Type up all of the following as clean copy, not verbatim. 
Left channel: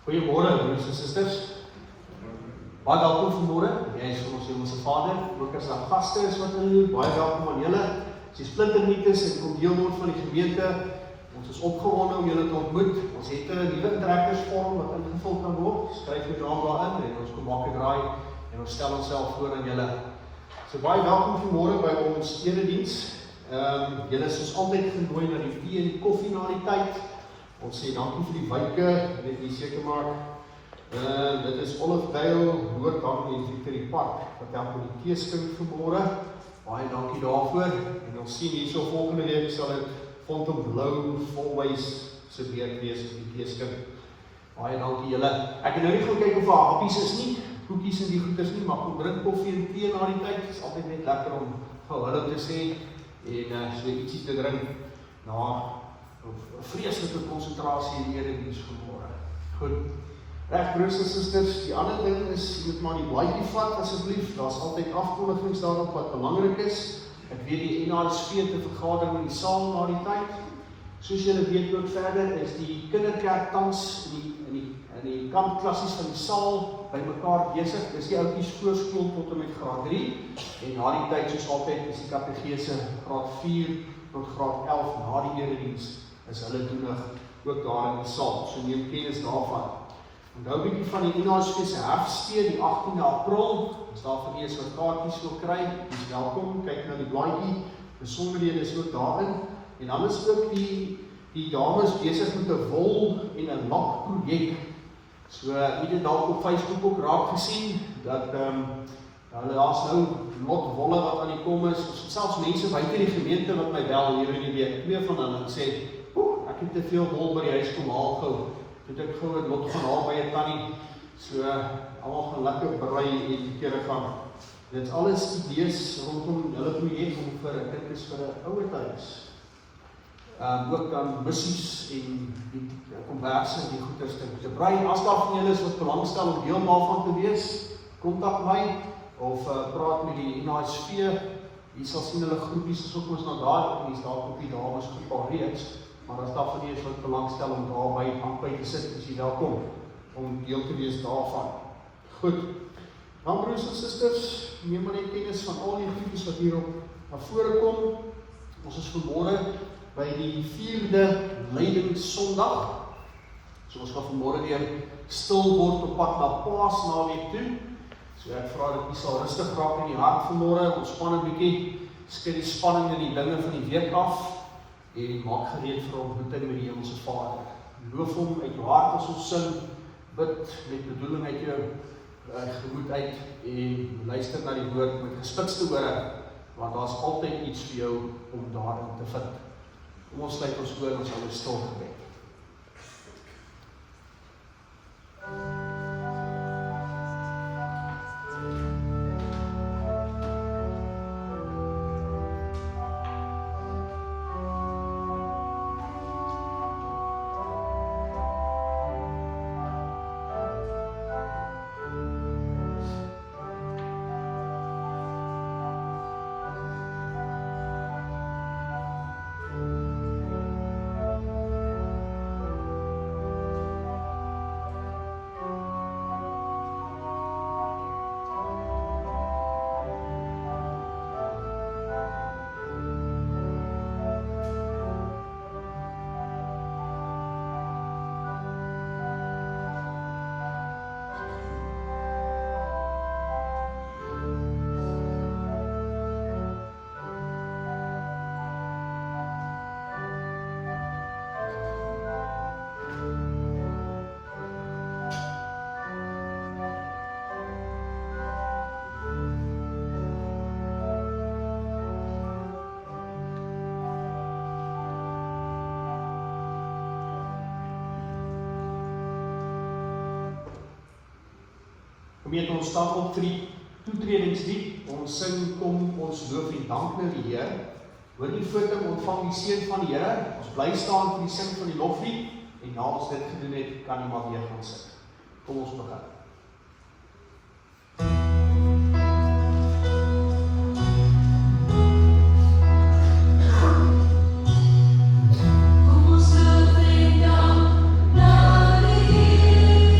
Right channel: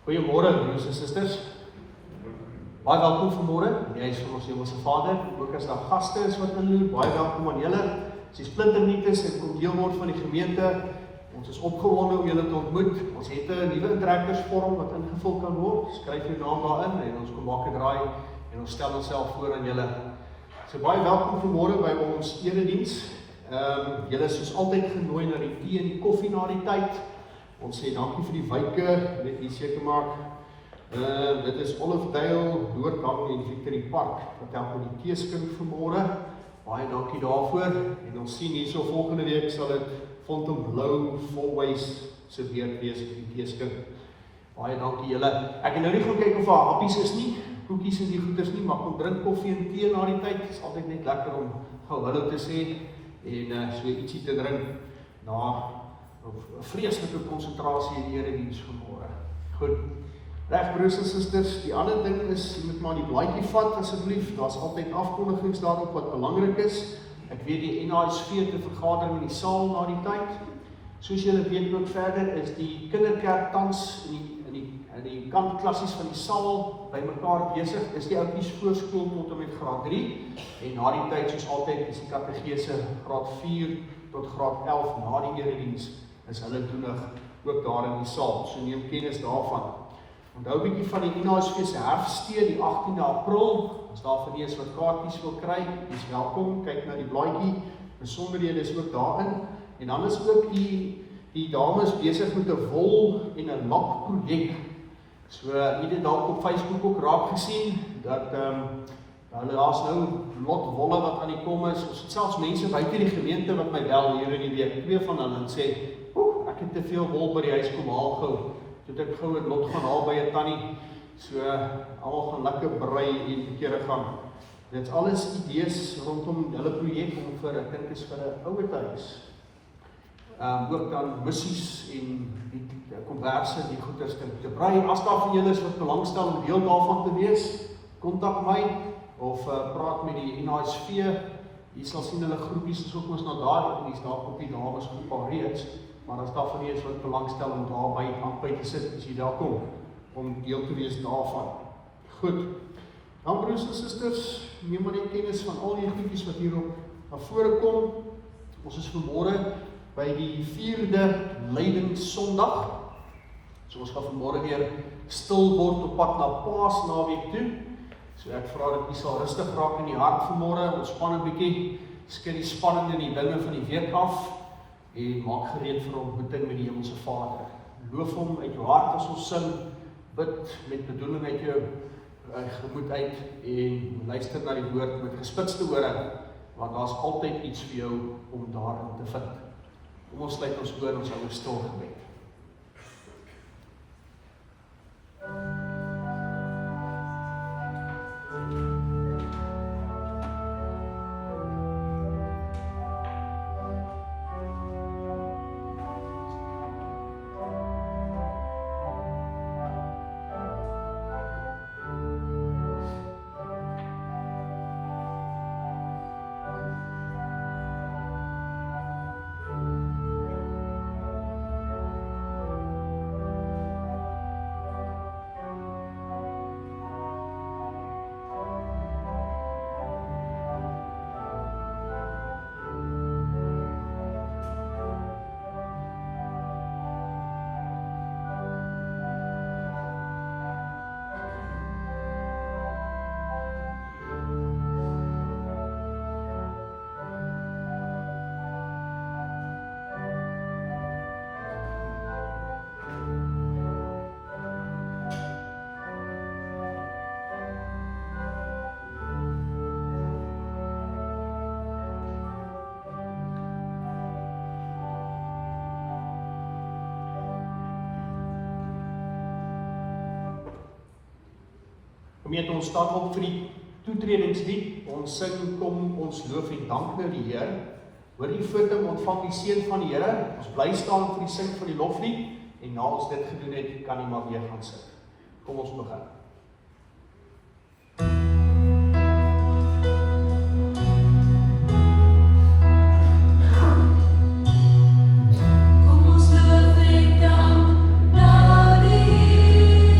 Goeiemôre broers en susters. Baie welkom vanmôre. Jy is vir ons Hemelse Vader. Ook as daar gaste is wat inloop, baie welkom aan julle. As jy splinternuut is en kom deel word van die gemeente, ons is opgewonde om julle te ontmoet. Ons het 'n nuwe interactors-vorm wat ingevul kan word. Skryf jou naam daarin en ons kom maak 'n draai en ons stel onsself voor aan julle. So baie welkom vanmôre by ons erediens. Julle is soos altyd genooi na die tee en die koffie na die tyd. Ons sê dankie vir die wyke, net hier seker maak. Dit is Olive Dale, Noordbank en Victory Park, wat help met die teeskink vanmôre. Baie dankie daarvoor. En ons sien hierso volgende week sal dit Fontainebleau Volwys se weer wees op die teeskink. Baie dankie julle. Ek het nou nie gaan kyk of daar happies is nie, koekies en die goeders nie, maar kom drink koffie en tee na die tyd. Dit is altyd net lekker om hallo te sê en so ietsie te drink na 'n vreeslike konsentrasie in die erediens vanmôre. Goed. Reg broers en susters, die ander ding is, jy moet maar die blaadjie vat asseblief. Daar's altyd afkondigings daarop wat belangrik is. Ek weet die NHSV het 'n vergadering in die saal na die tyd. Soos julle weet ook verder is die kinderkerk tans in die kampklassies van die saal by mekaar besig. Dis die oudjies voorskool tot en met graad 3 en na die tyd soos altyd is die kategese graad 4 tot graad 11 na die erediens is hulle toenig ook daar in die saal. So neem kennis daarvan. Onthou 'n bietjie van die NHSV se herfstee die 18de April. As daar vir eens wat kaartjies wil kry, is welkom. Kyk na die blaadjie. Besonderhede is ook daarin. En dan is ook die dames besig met 'n wol en 'n lap projek. So jy het dalk op Facebook ook raak gesien dat hulle daar's nou lot wolle wat aan die kom is. Ons het selfs mense buite die gemeente wat my bel hier in die week. Twee van hulle sê, ek het te veel wol by die huis kom haal gou. Toe het ek gou 'n lot gaan haal by 'n tannie. So almal gaan lekker brei en kere gaan. Dit's alles idees rondom hulle projek om vir 'n kind is vir 'n ouerhuis. Ook dan missies en die konverse die goeders te brei. As daar van julle is wat belangstel om deel daarvan te wees, kontak my of praat met die NHSV. Jy sal sien hulle groepies is ook ons na daar en dis daar op die dames groep alreeds. Maar as daar van julle is wat belangstel om daarby te sit, as jy daar kom om deel te wees daarvan. Goed. Dan broers en susters, neem maar net kennis van al die goedjies wat hierop na vore kom. Ons is vanmôre by die 4de Lydingssondag. So ons gaan vanmôre weer stil word op pad na Paasnaweek toe. So ek vra dat jy sal rustig raak in die hart vanmôre, ontspan 'n bietjie, skei die spanning en die dinge van die week af en maak gereed vir ontmoeting met die Hemelse Vader. Loof hom uit jou hart as ons sing, bid met bedoeling uit jou gemoed uit en luister na die woord met gespitste ore, want daar's altyd iets vir jou om daarin te vind. Kom ons sluit ons oor, ons sal 'n stil gebed. Gemeente, ons staan op vir die toetredingslied. Ons sing kom ons loof en dank na die Here. Hoor die foto, ontvang die seën van die Here. Ons bly staan vir die sing van die loflied en na ons dit gedoen het, kan jy maar weer gaan sit. Kom ons begin. Kom ons loof en dank na die Here.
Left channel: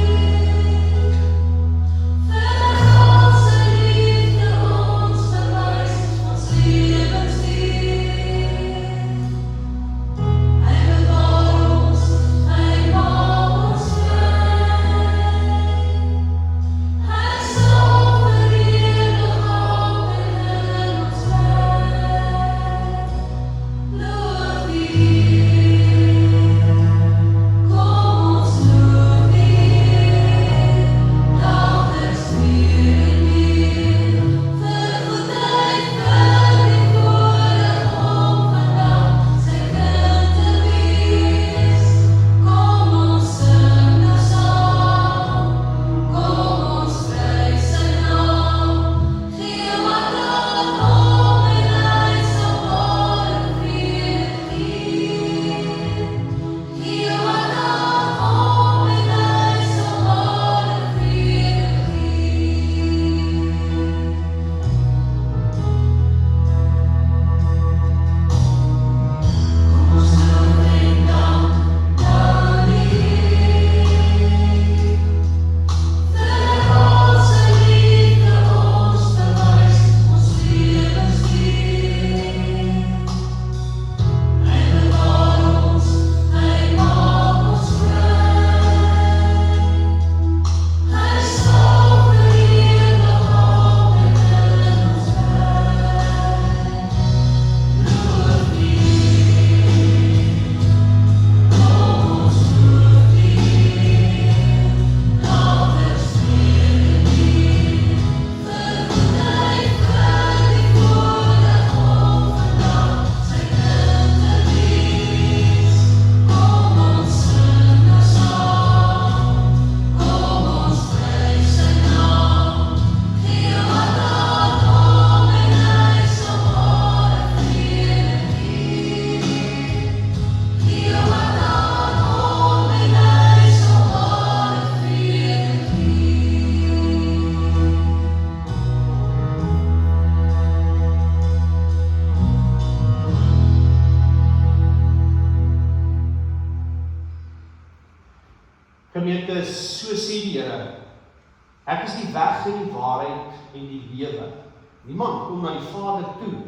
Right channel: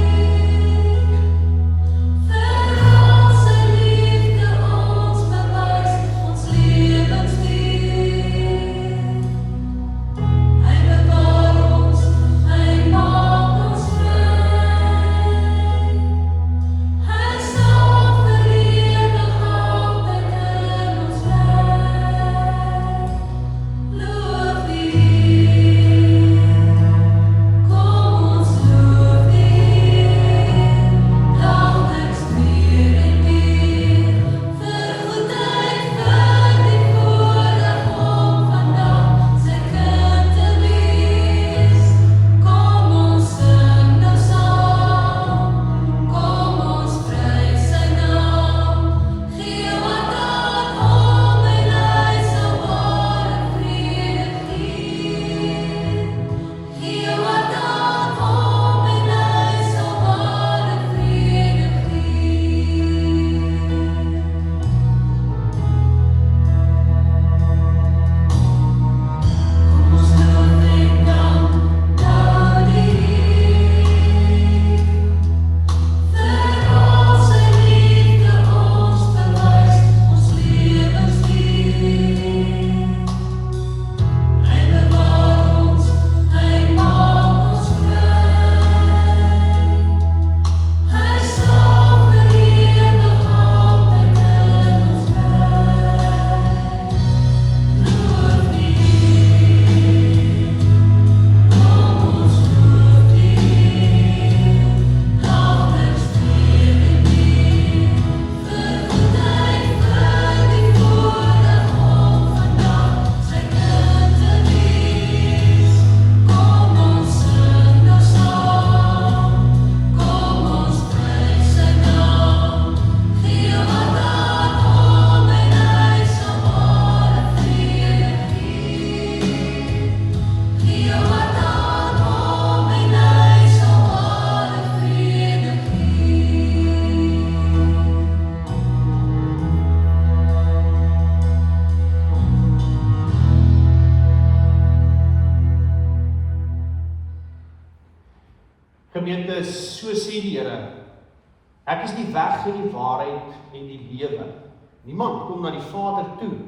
weg en die waarheid en die lewe. Niemand kom na die Vader toe,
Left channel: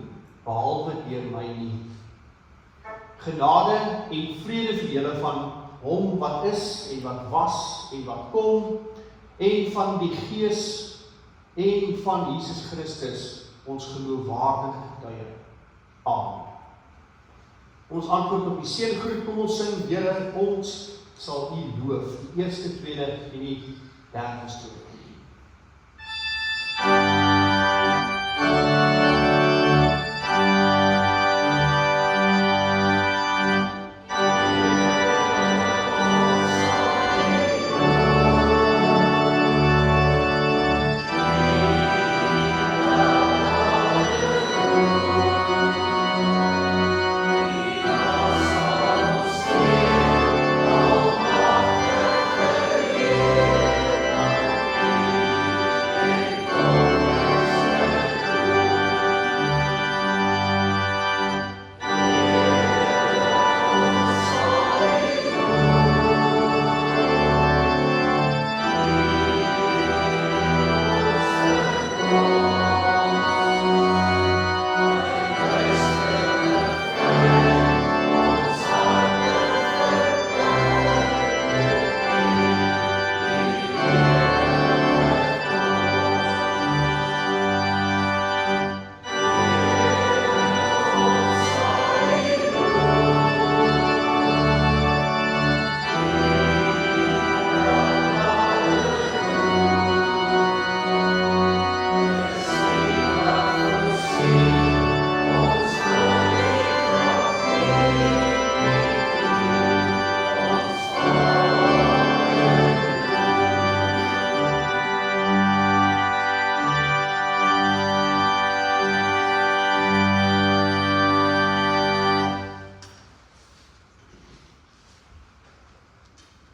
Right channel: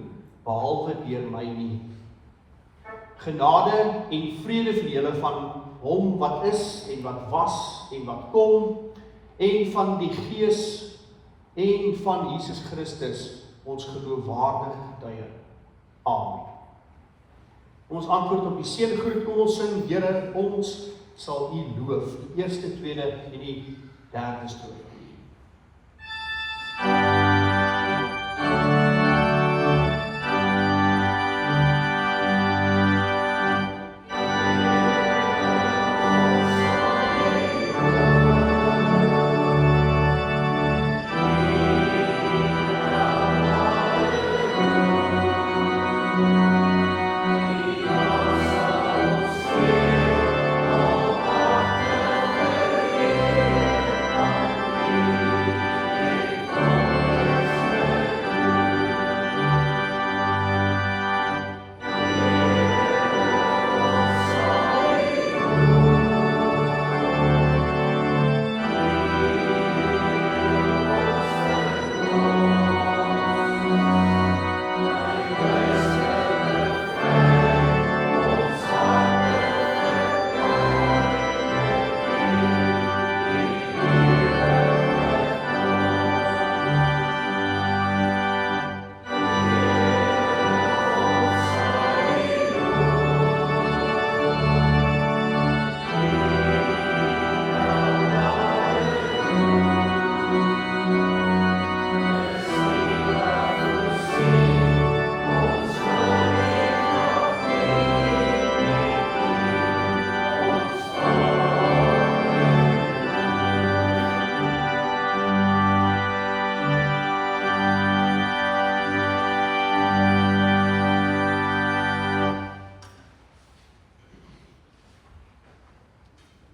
behalwe deur my nie. Genade en vrede vir julle van hom wat is en wat was en wat kom, en van die Gees en van Jesus Christus, ons geloofwaardige getuie. Amen. Ons antwoord op die seëngroet, kom ons sing, Here, ons sal U loof, die eerste, tweede en die derde strofe.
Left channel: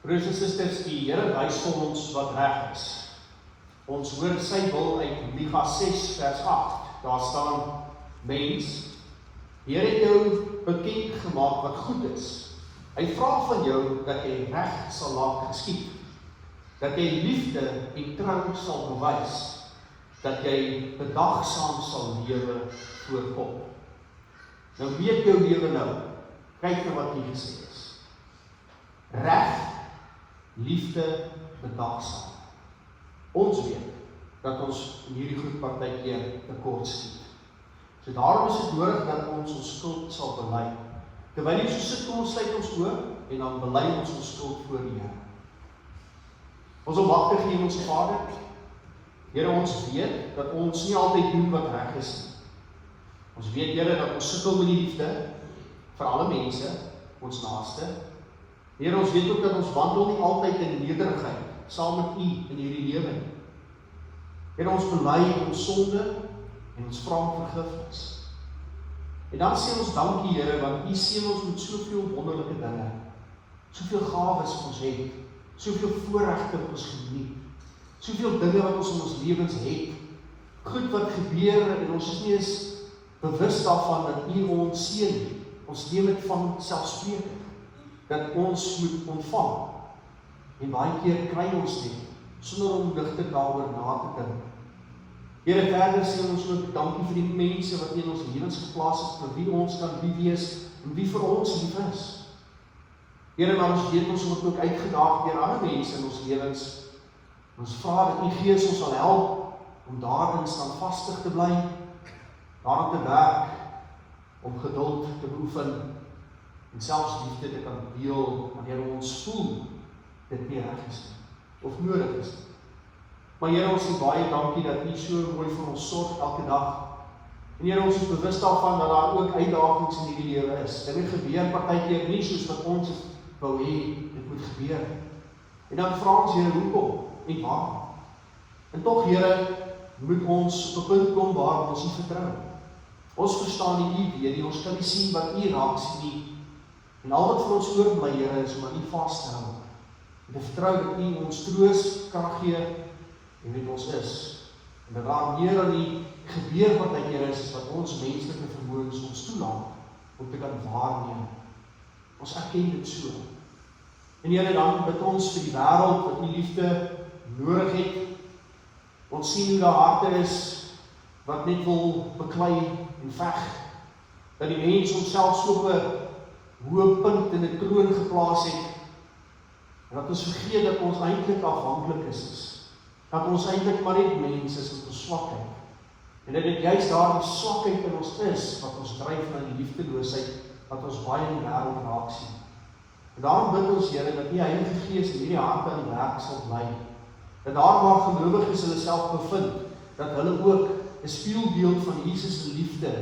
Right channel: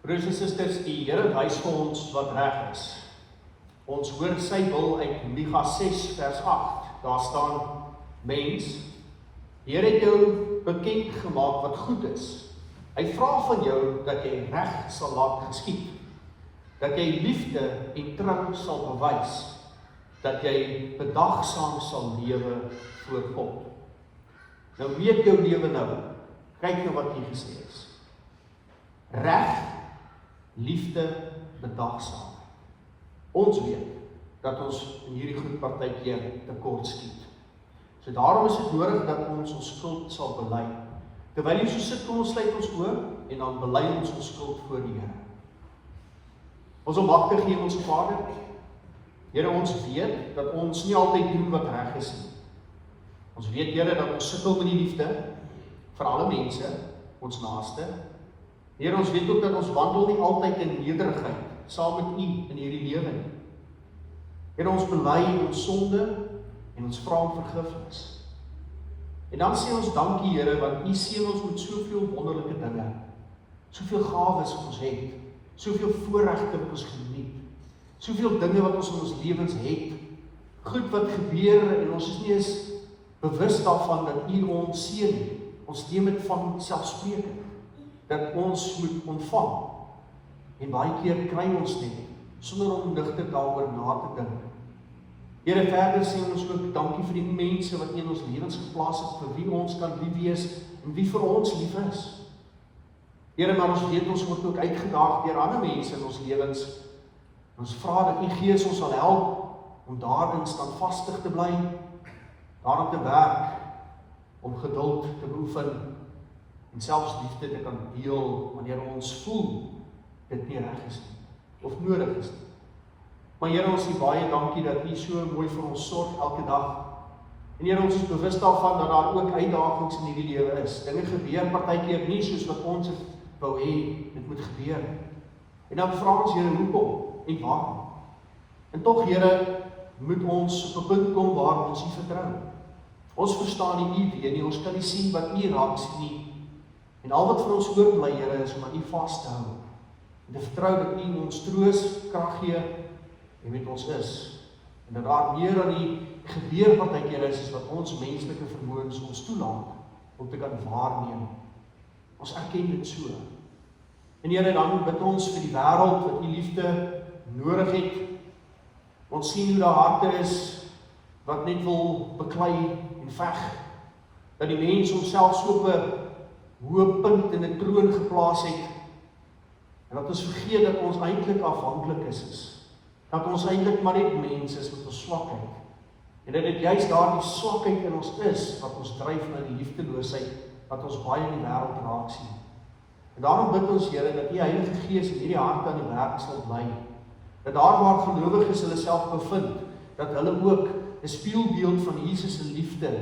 Broers en susters, die Here wys vir ons wat reg is. Ons hoor sy wil uit Micha 6 vers 8. Daar staan, mens, die Here het jou bekend gemaak wat goed is. Hy vra van jou dat jy reg sal laat geskied, dat jy liefde en trou sal bewys, dat jy bedagsaam sal lewe voor God. Nou weet jou lewe nou, kyk na wat hier gesê is. Reg, liefde, bedagsaam. Ons weet dat ons in hierdie groep partykeer tekort skiet. So daarom is dit nodig dat ons skuld sal bely. Terwyl jy so sit, kom ons sluit ons oë en dan bely ons skuld voor die Here. Ons opwagtig hier ons Vader. Here, ons weet dat ons nie altyd doen wat reg is nie. Ons weet, Here, dat ons sukkel met die liefde vir alle mense, ons naaste. Here, ons weet ook dat ons wandel nie altyd in nederigheid saam met U in hierdie lewe nie. Here, ons bely ons sonde en ons vra om vergifnis. En dan sê ons dankie, Here, want U seën ons met soveel wonderlike dinge, soveel gawes ons het, soveel voorregte wat ons geniet, soveel dinge wat ons in ons lewens het, goed wat gebeur en ons is nie eens bewus daarvan dat U ons seën nie. Ons neem dit van selfspreekend, dat ons moet ontvang. En baie keer kry ons dit, sonder om digter daaroor na te dink. Here, verder sê ons ook dankie vir die mense wat in ons lewens geplaas het, vir wie ons kan lief wees en wie vir ons lief is. Here, maar ons weet ons word ook uitgedaag deur ander mense in ons lewens. Ons vra dat U Gees ons sal help om daarin standvastig te bly, daarop te werk, om geduld te beoefen en selfs liefde te kan deel wanneer ons voel dit nie reg is of nodig is. Maar Here, ons sê baie dankie dat U so mooi vir ons sorg elke dag. En Here, ons is bewus daarvan dat daar ook uitdagings in hierdie lewe is. Dinge gebeur partykeer nie soos wat ons wou hê dit moet gebeur. En dan vra ons, Here, hoekom en waarom? En tog, Here, moet ons op 'n punt kom waar ons U vertrou. Ons verstaan nie U weet nie, ons kan nie sien wat U raak sien nie. En al wat vir ons oorbly, Here, is om aan U vas te hou. En te vertrou dat U ons troos, krag gee en met ons is. En dat daar meer aan die gebeur wat hy Here is wat ons menslike vermoëns ons toelaat om te kan waarneem. Ons erken dit so. En Here, dan bid ons vir die wêreld wat U liefde nodig het. Ons sien hoe daar harte is wat net wil beklei en veg. Dat die mens homself so op 'n hoë punt in 'n troon geplaas het. En dat ons vergeet dat ons eintlik afhanklik is. Dat ons eintlik maar net mens is met ons swakheid. En dat dit juist daardie swakheid in ons is wat ons dryf na die liefdeloosheid wat ons baie in die wêreld raak sien. En daarom bid ons Here dat die Heilige Gees in hierdie hart aan die werk sal bly. Dat daar waar gelowiges hulle self bevind, dat hulle ook 'n spieelbeeld van Jesus se liefde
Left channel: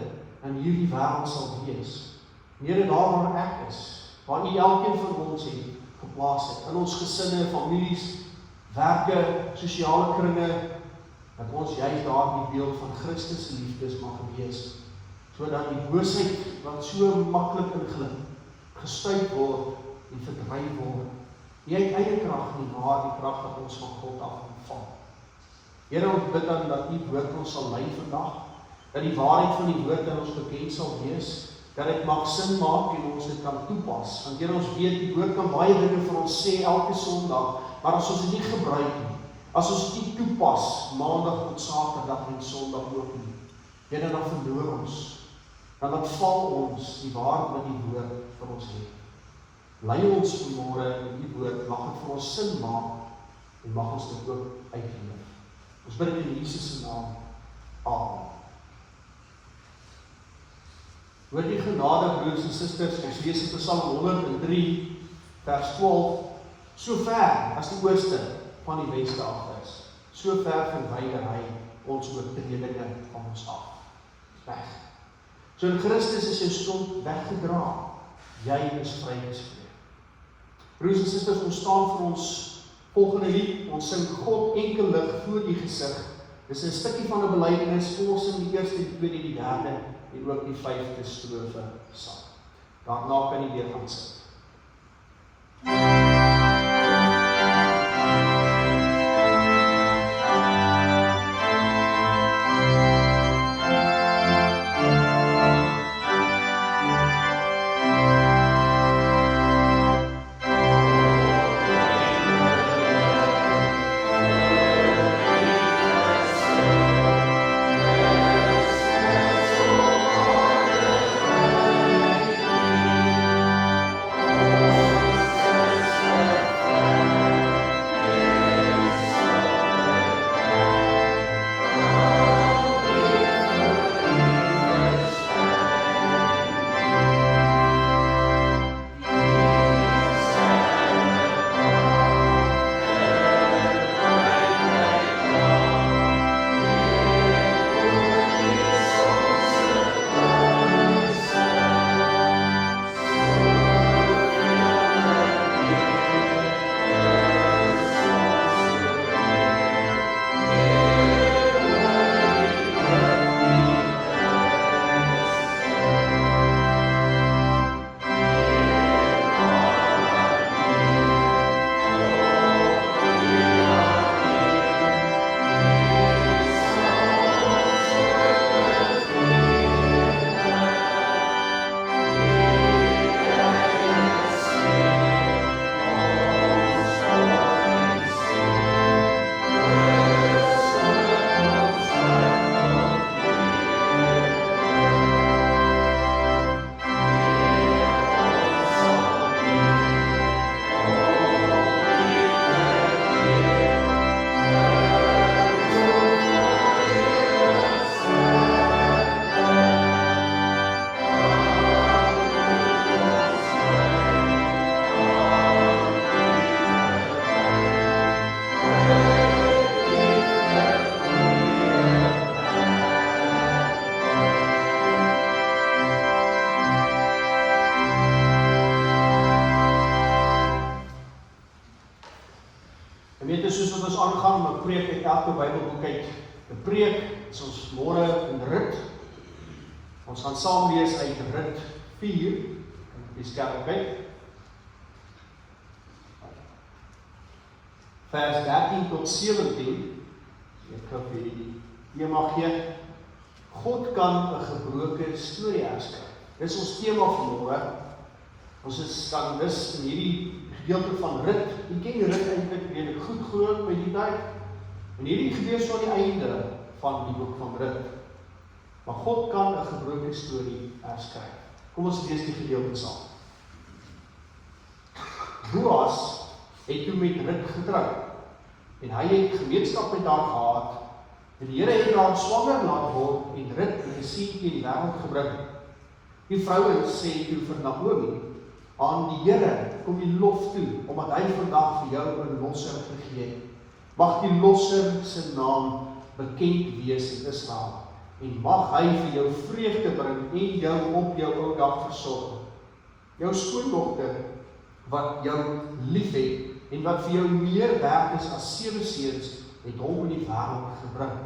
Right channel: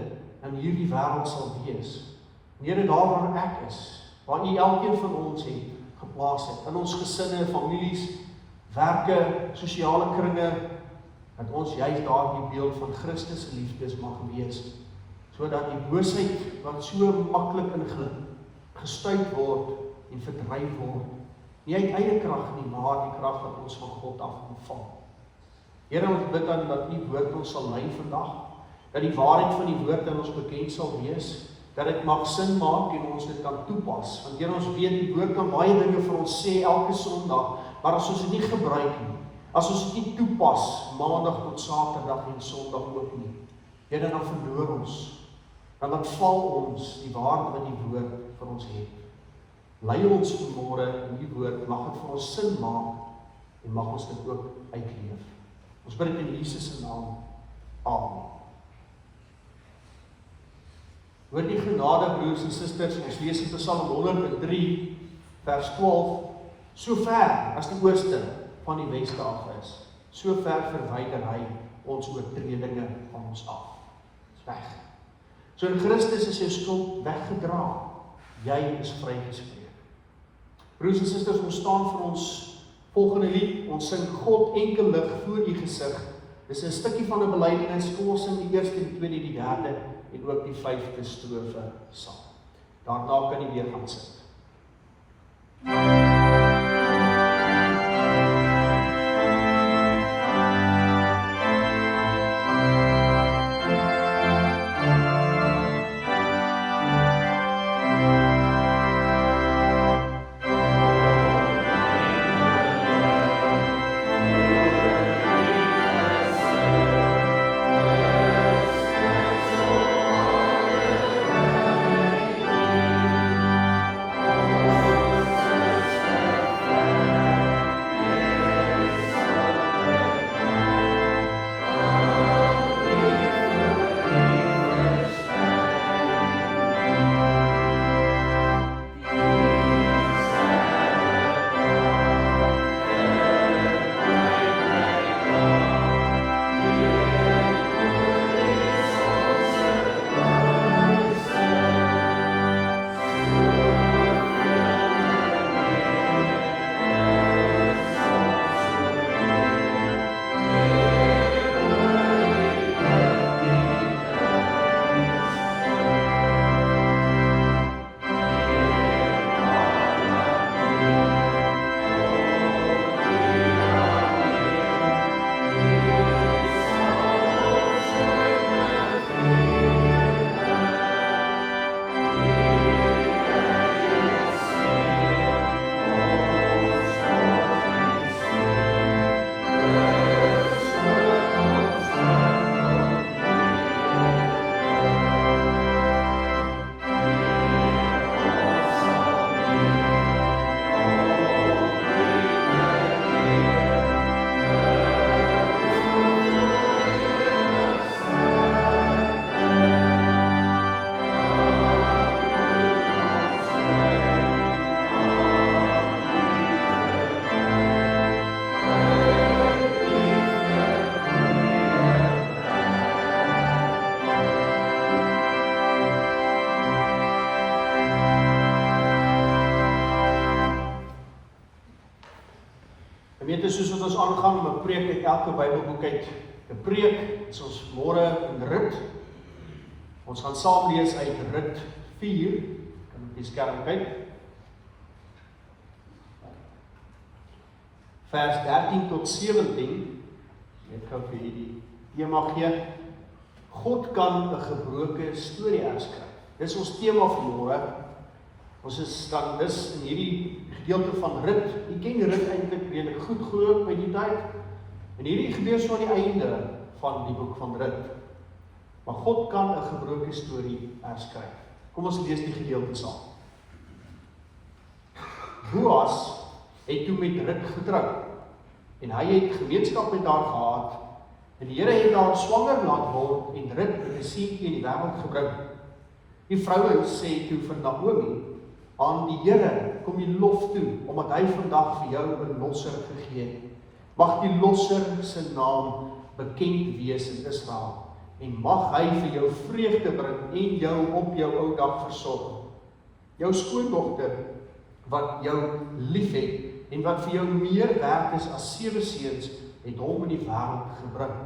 in hierdie wêreld sal wees. Here, daar waar ek is, waar U elkeen van ons het geplaas het, in ons gesinne, families, werke, sosiale kringe, dat ons juist daardie beeld van Christus se liefdes mag wees, sodat die boosheid wat so maklik gestuit word en verdryf word, nie uit eie krag nie, maar die krag wat ons van God af ontvang. Here, ons bid dan dat U woord ons sal lei vandag, dat die waarheid van die woord aan ons bekend sal wees, dat dit mag sin maak en ons dit kan toepas. Want Here, ons weet die woord kan baie dinge vir ons sê elke Sondag, maar as ons dit nie gebruik nie, as ons dit nie toepas, Maandag tot Saterdag en Sondag ook nie, Here, dan verloor ons, dan val ons die waarheid wat die woord vir ons het. Lei ons vanmôre in die woord, mag dit vir ons sin maak en mag ons dit ook uitleef. Ons bid dit in Jesus se naam. Amen. Hoor die genade, broers en susters, ons lees in Psalm 103, vers 12, so ver as die ooste van die weste af is, so ver verwyder hy ons oortredinge van ons af. Weg. So in Christus is jou skuld weggedra, jy is vrygespreek. Broers en susters, ons staan vir ons volgende lied, ons sing God enkelig voor U gesig. Dis 'n stukkie van 'n belydenis, kom ons in die eerste, die tweede, die derde en ook die 5de strofe saam. Daarna kan jy weer gaan sit. Soos wat ons aangaan om 'n preek uit elke Bybelboek uit 'n preek, is ons môre in Rut. Ons gaan saam lees uit Rut 4, in die skerp kyk. Vers 13 tot 17. Ek gaan vir die tema gee. God kan 'n gebroke storie herskryf. Dis ons tema van môre. Ons is dan dus in hierdie gedeelte van Rut. Jy ken Rut eintlik redelik goed gehoor by die tyd. En hierdie gebeur so aan die einde van die boek van Rut. Maar God kan 'n gebroke storie herskryf. Kom ons lees die gedeelte saam. Boas het toe met Rut getrou en hy het gemeenskap met haar gehad. En die Here het haar swanger laat word en Rut het 'n seentjie in die wêreld gebring. Die vroue sê toe vir Naomi, aan die Here kom die lof toe, omdat hy vandag vir jou 'n losser gegee het. Mag die losser se naam bekend wees in Israel, en mag hy vir jou vreugde bring en jou op jou ou dag versorg. Jou skoondogter, wat jou lief het, en wat vir jou meer werd is as 7 seuns, het hom in die wêreld gebring.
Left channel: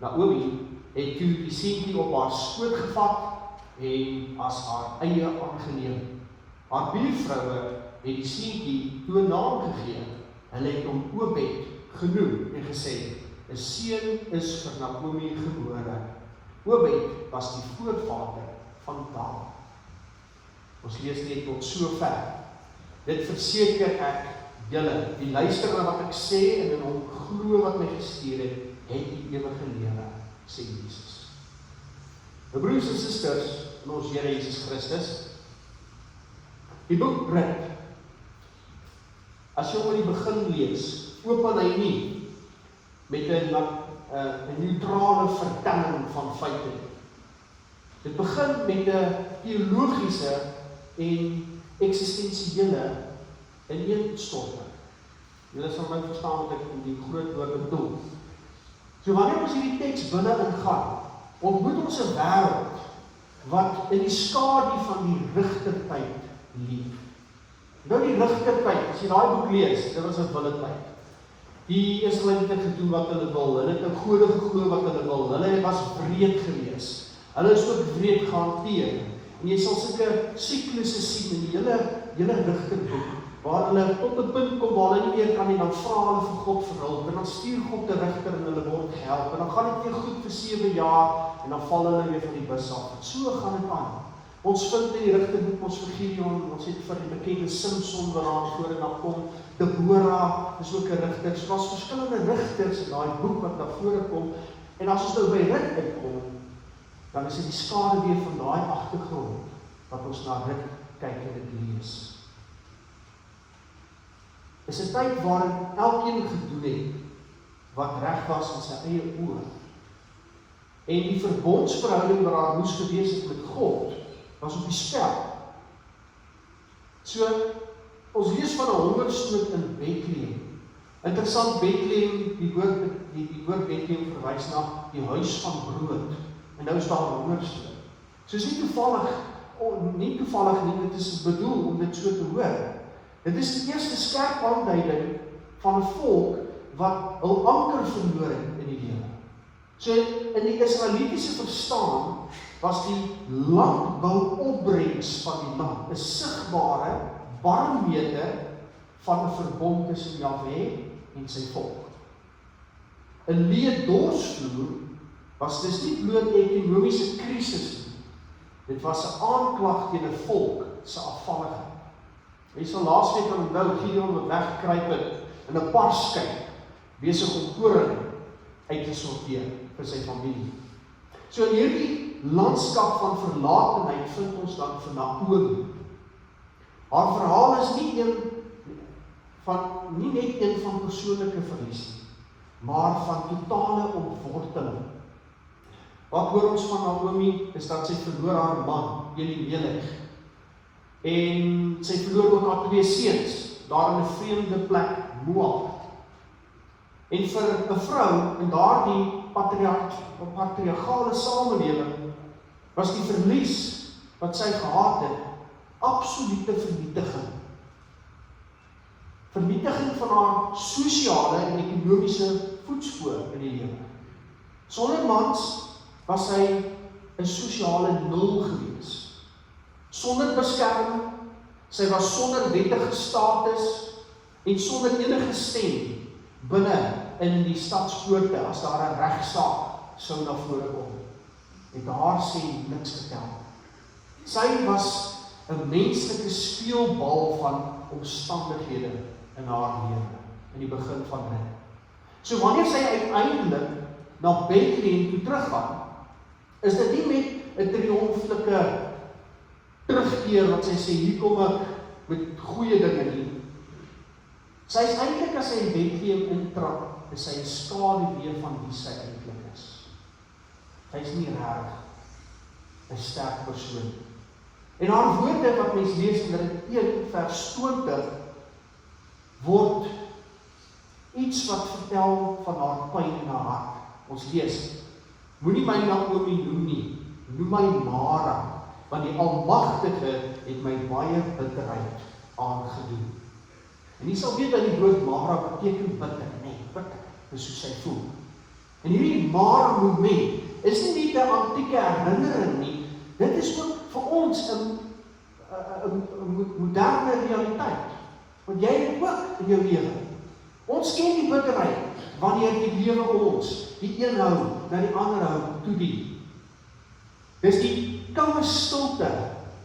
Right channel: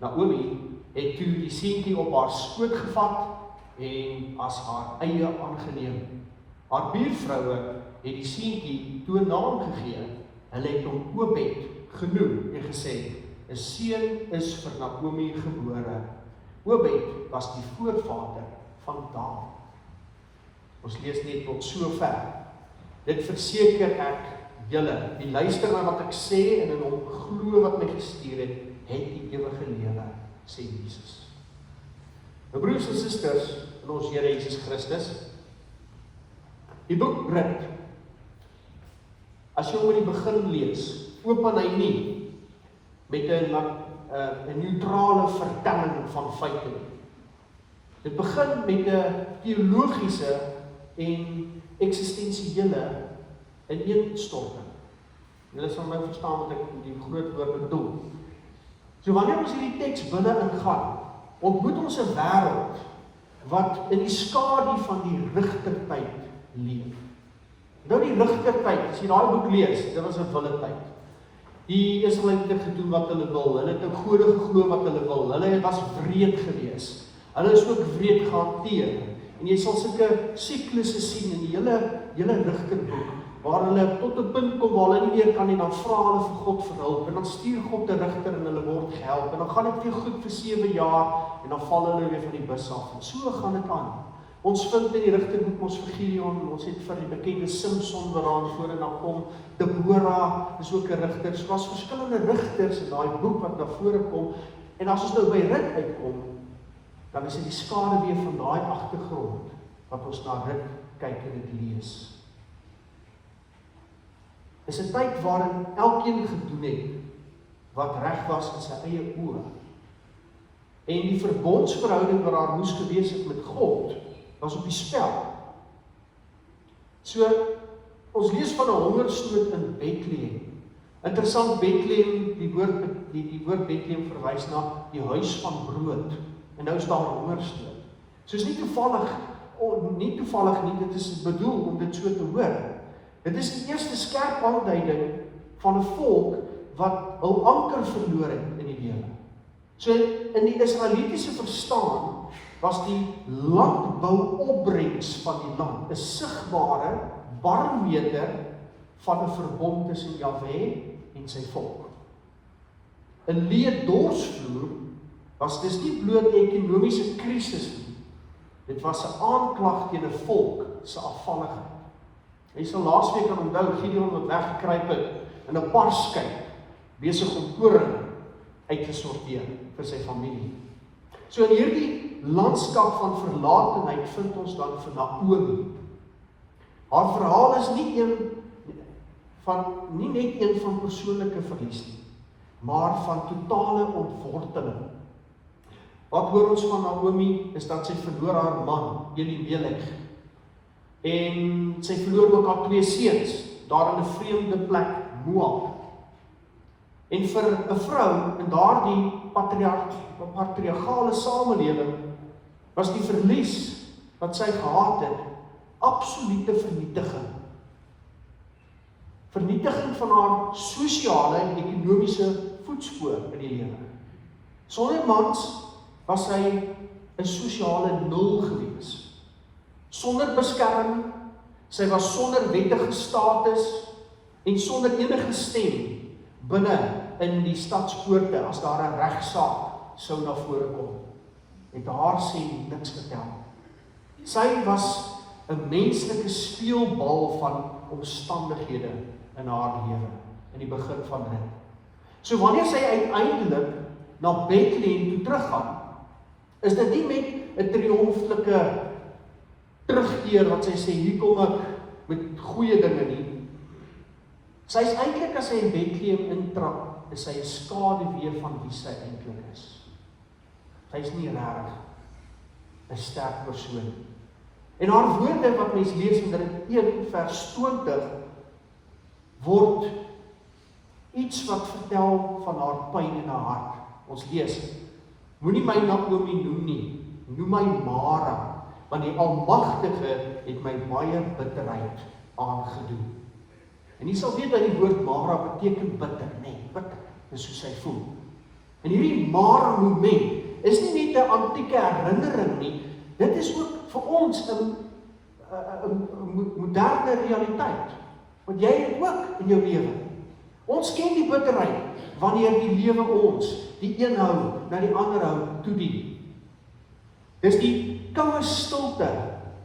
Naomi het toe die seentjie op haar skoot gevat en as haar eie aangeneem. Haar buurvroue het die seentjie toe 'n naam gegee. Hulle het hom Obed genoem en gesê, 'n seun is vir Naomi gebore. Obed was die voorvader van David. Ons lees net tot sover. Dit verseker ek julle, die luister aan wat ek sê en in hom glo wat my gestuur het die ewige lewe, sê Jesus. My broers en susters in ons Here Jesus Christus, die boek Rut, as jy oor die begin lees, open hy nie met 'n neutrale vertelling van feite. Dit begin met 'n teologiese en eksistensiële ineenstorting. Julle sal nou verstaan wat ek die groot woord bedoel. So wanneer ons hierdie teks binne ingaan, ontmoet ons 'n wêreld wat in die skadu van die rigtertyd leef. Nou die rigtertyd, as jy daai boek lees, dit was 'n wilde tyd. Die Israeliete het gedoen wat hulle wil, hulle het 'n gode geglo wat hulle wil, hulle was wreed gewees, hulle is ook wreed gehanteer. En jy sal sulke siklusse sien in die hele rigterboek, waar hulle tot 'n punt kom waar hulle nie meer kan nie, dan vra hulle vir God vir hulp, en dan stuur God 'n rigter en hulle word gehelp, en dan gaan dit weer goed vir 7 jaar, en dan val hulle weer van die bus af, en so gaan dit aan. Ons vind in die rigterboek ons vir Gideon, ons het vir die bekende Samson waar ons voor en dan kom, Deborah is ook 'n rigter, so daar's verskillende rigters in daai boek wat na vore kom, en as ons nou by Rut uitkom, dan is dit die skade weer van daai agtergrond, wat ons na Rut kyk en dit lees. Is 'n tyd waarin elkeen gedoen het, wat reg was in sy eie oë, en die verbondsverhouding wat daar moes gewees het met God, was op die spel. So, ons lees van 'n hongersnood in Bethlehem. Interessant, Bethlehem, die woord Bethlehem verwys na die huis van brood, en nou is daar hongersnood. So is nie toevallig nie, dit is bedoel om dit so te hoor. Dit is die eerste skerp aanduiding van 'n volk wat hul anker verloor het in die lewe. So in die Israelitiese verstaan was die landbouopbrengs van die land 'n sigbare barometer van 'n verbond tussen Jahwe en sy volk. 'n leë dorsvloer was dis nie bloot ekonomiese krisis nie. Dit was 'n aanklag teen 'n volk se afvalligheid. Jy sal laasweek onthou Gideon wat weggekruip het in 'n parskyp, besig om koring uit te sorteer vir sy familie. So in hierdie landskap van verlatenheid vind ons dan vir Naomi. Haar verhaal is nie net een van persoonlike verlies nie, maar van totale ontworteling. Wat hoor ons van Naomi is dat sy verloor haar man, Elimelech, en sy verloor ook haar 2 seuns, daar in 'n vreemde plek, Moab. En vir 'n vrou in daardie patriargale samelewing was die verlies wat sy gehad het, absolute vernietiging. Vernietiging van haar sosiale en ekonomiese voetspoor in die lewe. Sonder mans was sy 'n sosiale nul gewees. Sonder beskerming, sy was sonder wettige status en sonder enige stem binne in die stadspoorte as daar 'n regsaak sou na vore kom. Het haar sê niks vertel. Sy was 'n menslike speelbal van omstandighede in haar lewe, in die begin van dit. So wanneer sy uiteindelik na Bethlehem toe teruggaan, is dit nie net 'n triomflike terugkeer wat sy sê, hier kom ek met goeie dinge nie. Sy is eintlik, as sy in Bethlehem intrap, is sy 'n skaduwee van wie sy eintlik is. Sy is nie regtig 'n sterk persoon. En haar woorde wat mens lees in Rigter 1 vers 20 word iets wat vertel van haar pyn in haar hart. Ons lees, moenie my Naomi noem nie, noem my Mara, want die Almagtige het my baie bitterheid aangedoen. En jy sal weet dat die woord Mara beteken bitter, nee, bitter, dis hoe sy voel. En hierdie Mara moment is nie net 'n antieke herinnering nie, dit is ook vir ons 'n moderne realiteit. Want jy het ook in jou lewe. Ons ken die bitterheid wanneer die lewe ons, die een hou na die ander hou toedien. Dis die koue stilte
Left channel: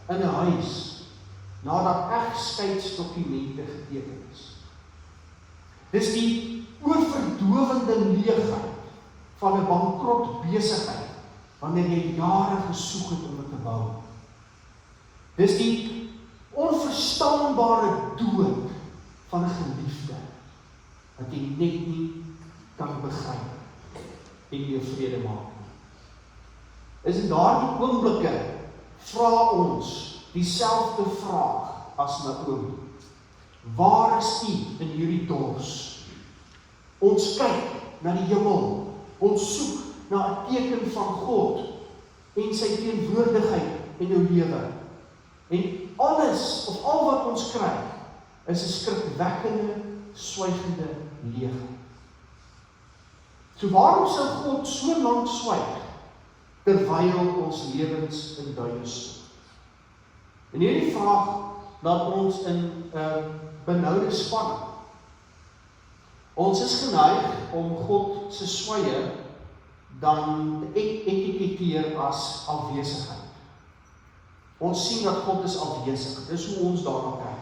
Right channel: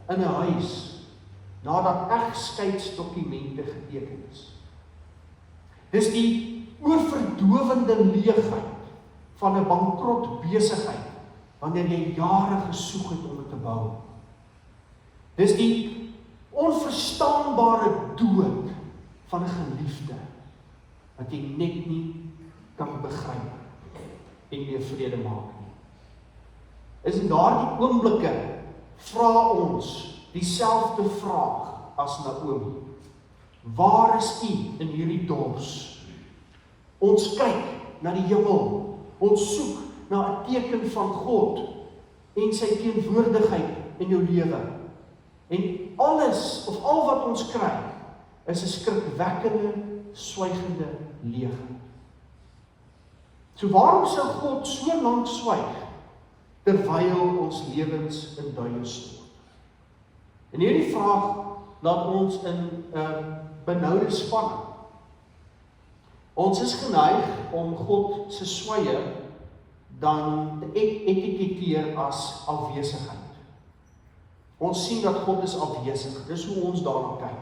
in 'n huis nadat egskeidsdokumente geteken is. Dis die oorverdowende leegheid van 'n bankrot besigheid wanneer jy jare gesoek het om dit te bou. Dis die onverstaanbare dood van 'n geliefde wat jy net nie kan begryp en jou vrede maak nie. Is in daardie oomblikke vra ons dieselfde vraag as Naomi. Waar is U in hierdie dors? Ons kyk na die hemel. Ons soek na 'n teken van God en sy teenwoordigheid in jou lewe. En alles, of al wat ons kry, is 'n skrikwekkende, swygende leegheid. So waarom sou God so lank swyg, terwyl ons lewens in duie stoot? En hierdie vraag laat ons in 'n benoude spanning. Ons is geneig om God se swye dan te etiketeer as afwesigheid. Ons sien dat God is afwesig, dis hoe ons daarna kyk.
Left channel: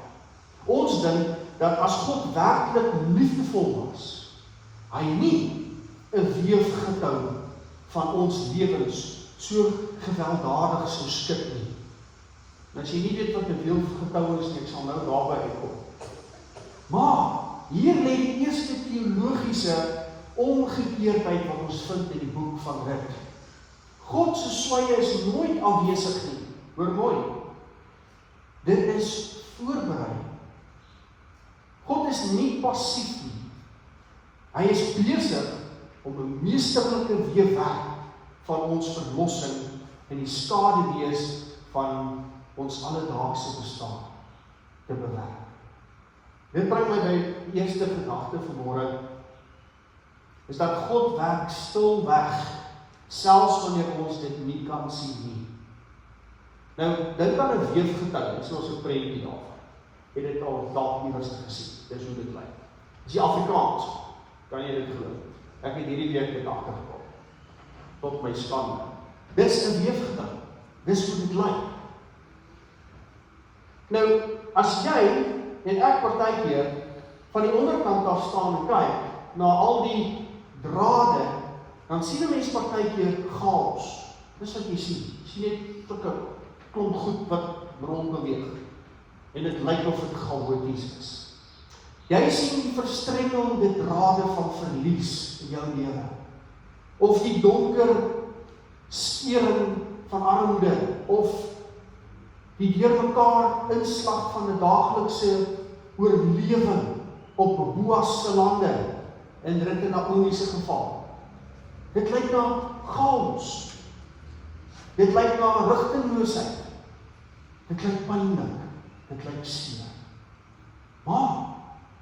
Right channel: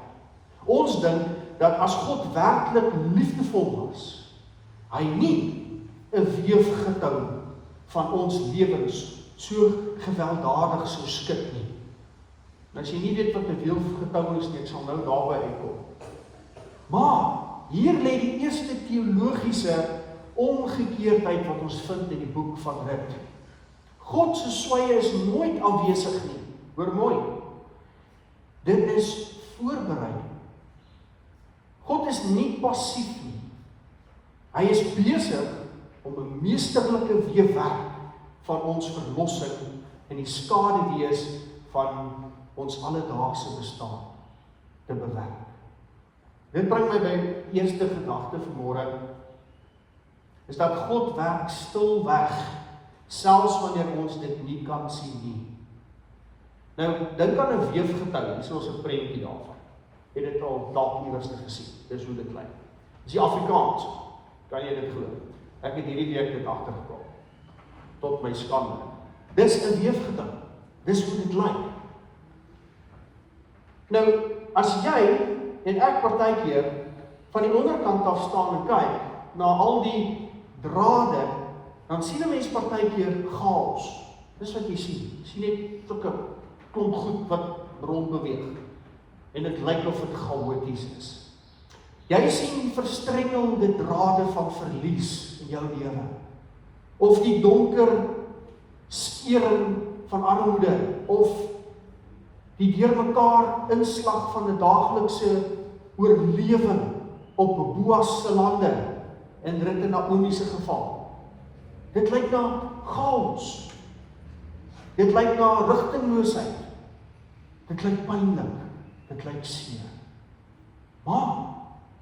Ons dink dat as God werklik liefdevol was, hy nie 'n weefgetou van ons lewens so gewelddadig sou skit nie. Nou as jy nie weet wat 'n weefgetou is nie, ek sal nou daarby uitkom. Maar hier lê die eerste teologiese omgekeerdheid wat ons vind in die boek van Rut. God se swye is nooit afwesig nie. Hoor mooi. Dit is voorberei. God is nie passief nie. Hy is besig om 'n meesterlike weefwerk van ons verlossing in die skaduwees van ons alledaagse bestaan te bewerk. Dit bring my by die eerste gedagte vanmôre, is dat God werk stilweg, selfs wanneer ons dit nie kan sien nie. Nou, dink aan 'n weefgetou, dis ons 'n prentjie daarvan. Het dit al dalk iewers gesien, dis hoe dit lyk. Dis die Afrikaans, kan jy dit glo? Ek het hierdie week dit agtergekom, tot my skande. Dis 'n weefgetou, dis hoe dit lyk. Nou, as jy en ek partykeer van die onderkant af staan en kyk na al die drade, dan sien 'n mens partykeer chaos. Dis wat jy sien. Sien net sulke klomp goed wat rondbeweeg. En dit lyk of dit chaoties is. Jy sien die verstrengelende drade van verlies in jou lewe. Of die donker skering van armoede, of die deurmekaar inslag van 'n daaglikse oorlewing op Boas se lande, in Rut en Naomi se geval. Dit lyk na chaos. Dit lyk na rigtingloosheid. Dit lyk pynlik. Dit lyk seer. Maar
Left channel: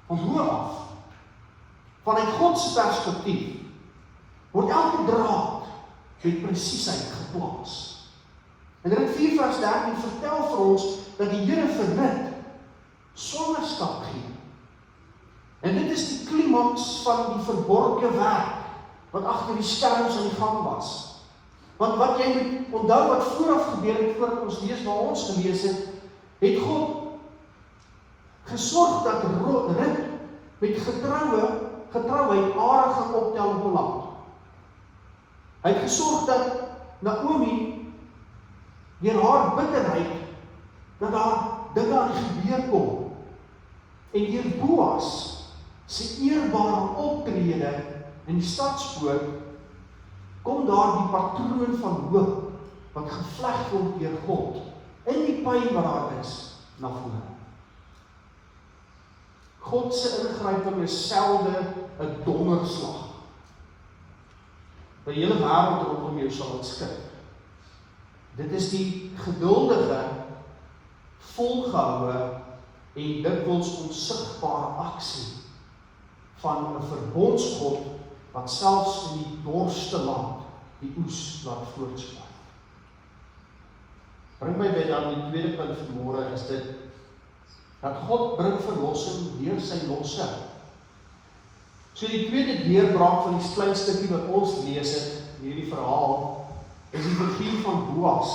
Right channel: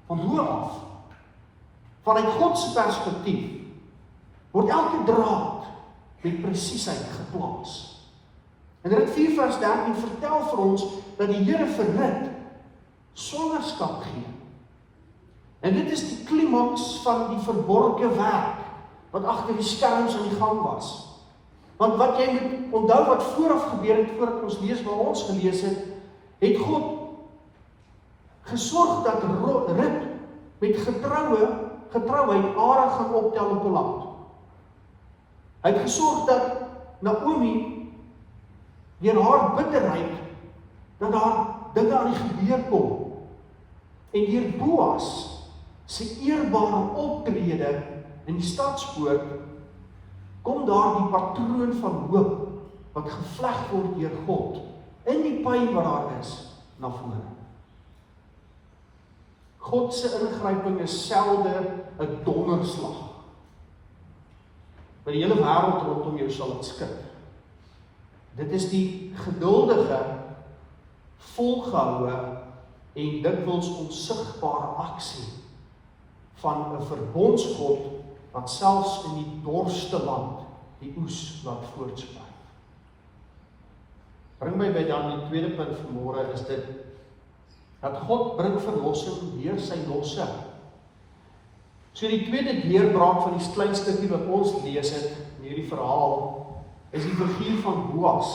van hoe af, vanuit God se perspektief, word elke draad met presisheid geplaas. En Rut 4 vers 13 vertel vir ons dat die Here vir Rut swangerskap gee. En dit is die klimaks van die verborgde werk wat agter die skerms aan die gang was. Want wat jy moet onthou wat vooraf gebeur het, voordat ons lees waar ons gelees het God gesorg dat Rut met getroue getrouheid are gaan optel op 'n land. Hy het gesorg dat Naomi, deur haar bitterheid, dat daar dinge aan die gebeur kom. En deur Boas se eerbare optrede in die stadspoort, kom daar die patroon van hoop, wat gevleg word deur God, in die pyn wat daar is, na vore. God se ingryping is selde 'n donderslag. Die hele wêreld rondom jou sal dit skud. Dit is die geduldige, volgehoue en dikwels onsigbare aksie van 'n verbondsgod wat selfs in die dorste land die oes laat voortspruit. Bring my by dan die tweede punt vanmôre is dit dat God bring verlossing deur sy losse. So die tweede deurbraak van die klein stukkie wat ons lees het in hierdie verhaal is die figuur van Boas.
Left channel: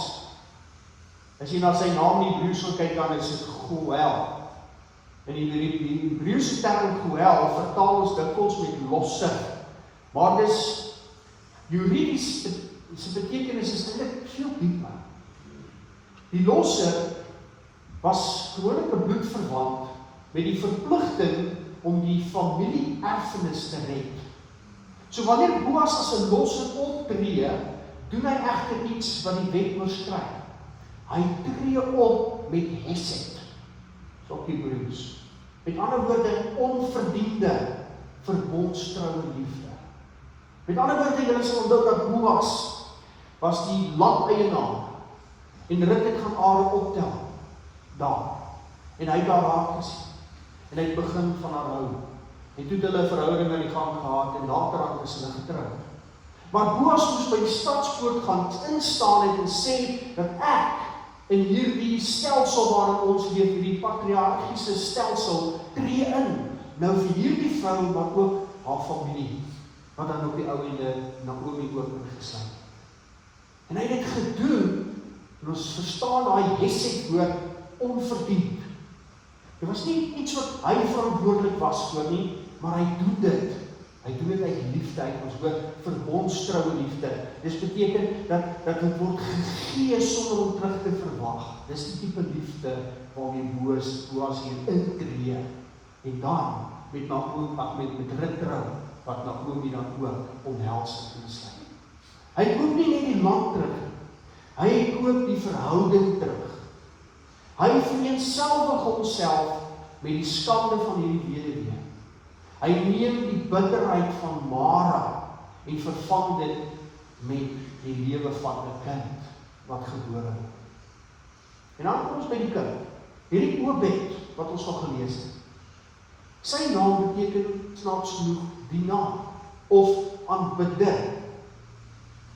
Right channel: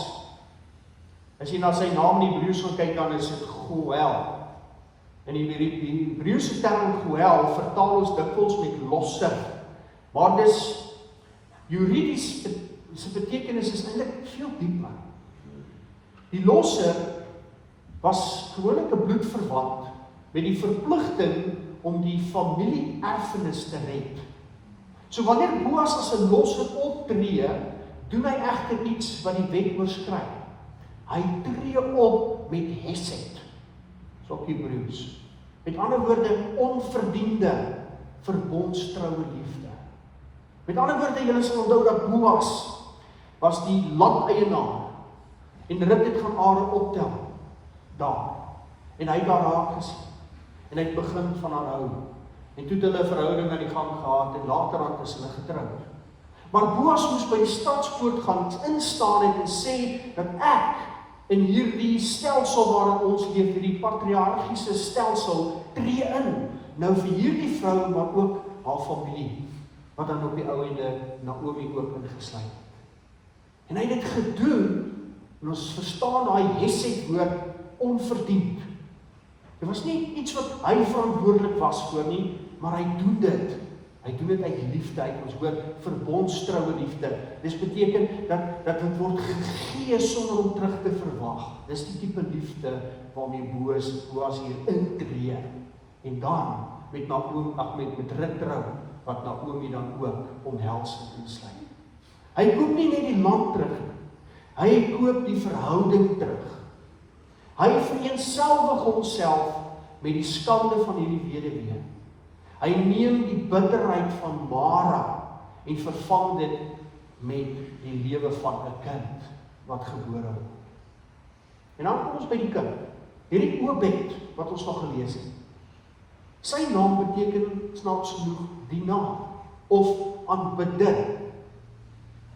As jy na sy naam in Hebreëus wil kyk, dan is dit Goel. En die Hebreëse term Goel vertaal ons dikwels met losse. Maar dis juridies, sy betekenis is eintlik veel dieper. Die losse was gewoonlik 'n bloedverwant met die verpligting om die familie-erfenis te red. So wanneer Boas as 'n losse optree, doen hy egter iets wat die wet oorskry. Hy tree op met hesed, so Hebreëus. Met ander woorde, onverdiende verbondstrouwe liefde. Met ander woorde, julle sal onthou dat Boas was die landeienaar en Rut het gaan Are optel daar. En hy het daar raak gesien. En hy het begin van aanhou. En toe het hulle 'n verhouding aan die gang gehad en later aan is hulle getroud. Maar Boas moes by die stadspoort gaan instaan en sê dat ek in hierdie stelsel waarin ons leef, hierdie patriargiese stelsel, tree in. Nou vir hierdie vrou, maar ook haar familie, wat dan op die ou einde Naomi ook ingesluit. En hy het dit gedoen, en ons verstaan daai hesed woord onverdiend. Dit was nie iets wat hy verantwoordelik was voor nie, maar hy doen dit. Hy doen dit uit liefde, uit ons woord verbondstrouwe liefde. Dis beteken dat het word gegee sonder om terug te verwag. Dis die tipe liefde waarmee Boas hier intree. En dan met Naomi, met Rut trou, wat Naomi dan ook omhels en insluit. Hy koop nie net die land terug, hy koop die verhouding terug. Hy vereenselwig homself met die skande van hierdie weduwee. Hy neem die bitterheid van Mara en vervang dit met die lewe van 'n kind wat gebore word. En dan kom ons by die kind. Hierdie Obed wat ons nog gelees het. Sy naam beteken snaaks genoeg dienaar of aanbidder.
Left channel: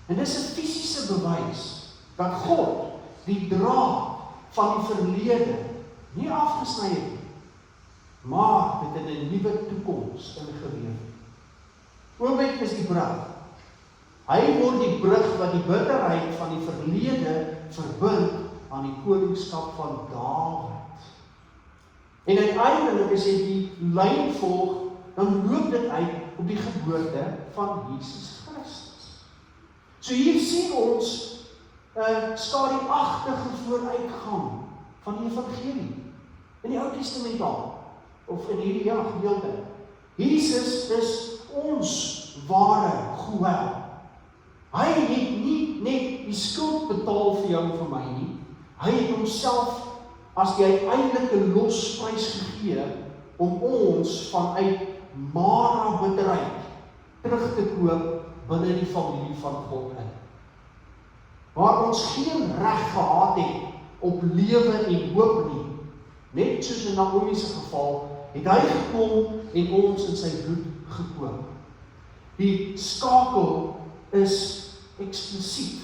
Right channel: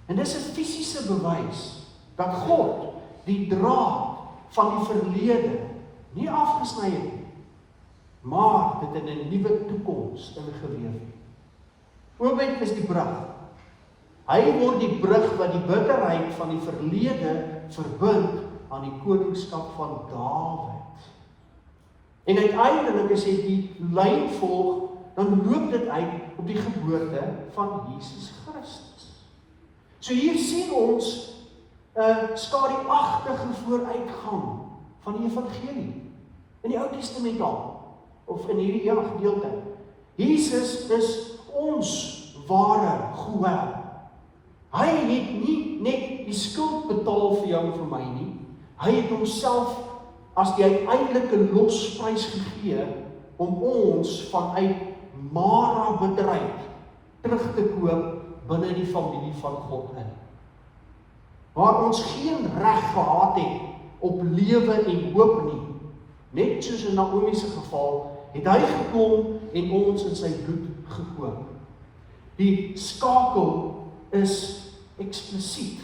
En dis 'n fisiese bewys dat God die draad van die verlede nie afgesny het nie, maar dit in 'n nuwe toekoms ingeweef het. Obed is die brug. Hy word die brug wat die bitterheid van die verlede verbind aan die koningskap van Dawid. En uiteindelik as jy die lyn volg, dan loop dit uit op die geboorte van Jesus Christus. So hier sien ons 'n skadu-agtige vooruitgang van die evangelie. In die Ou Testament daar, of in hierdie hele gedeelte. Jesus is ons ware Goel. Hy het nie net die skuld betaal vir jou en vir my nie. Hy het homself as die uiteindelike losprys gegee om ons vanuit Mara bedryf terug te koop binne die familie van God in. Waar ons geen reg gehad het op lewe en hoop nie, net soos in Naomi se geval, het hy gekom en ons in sy bloed gekoop. Die skakel is eksplisiet.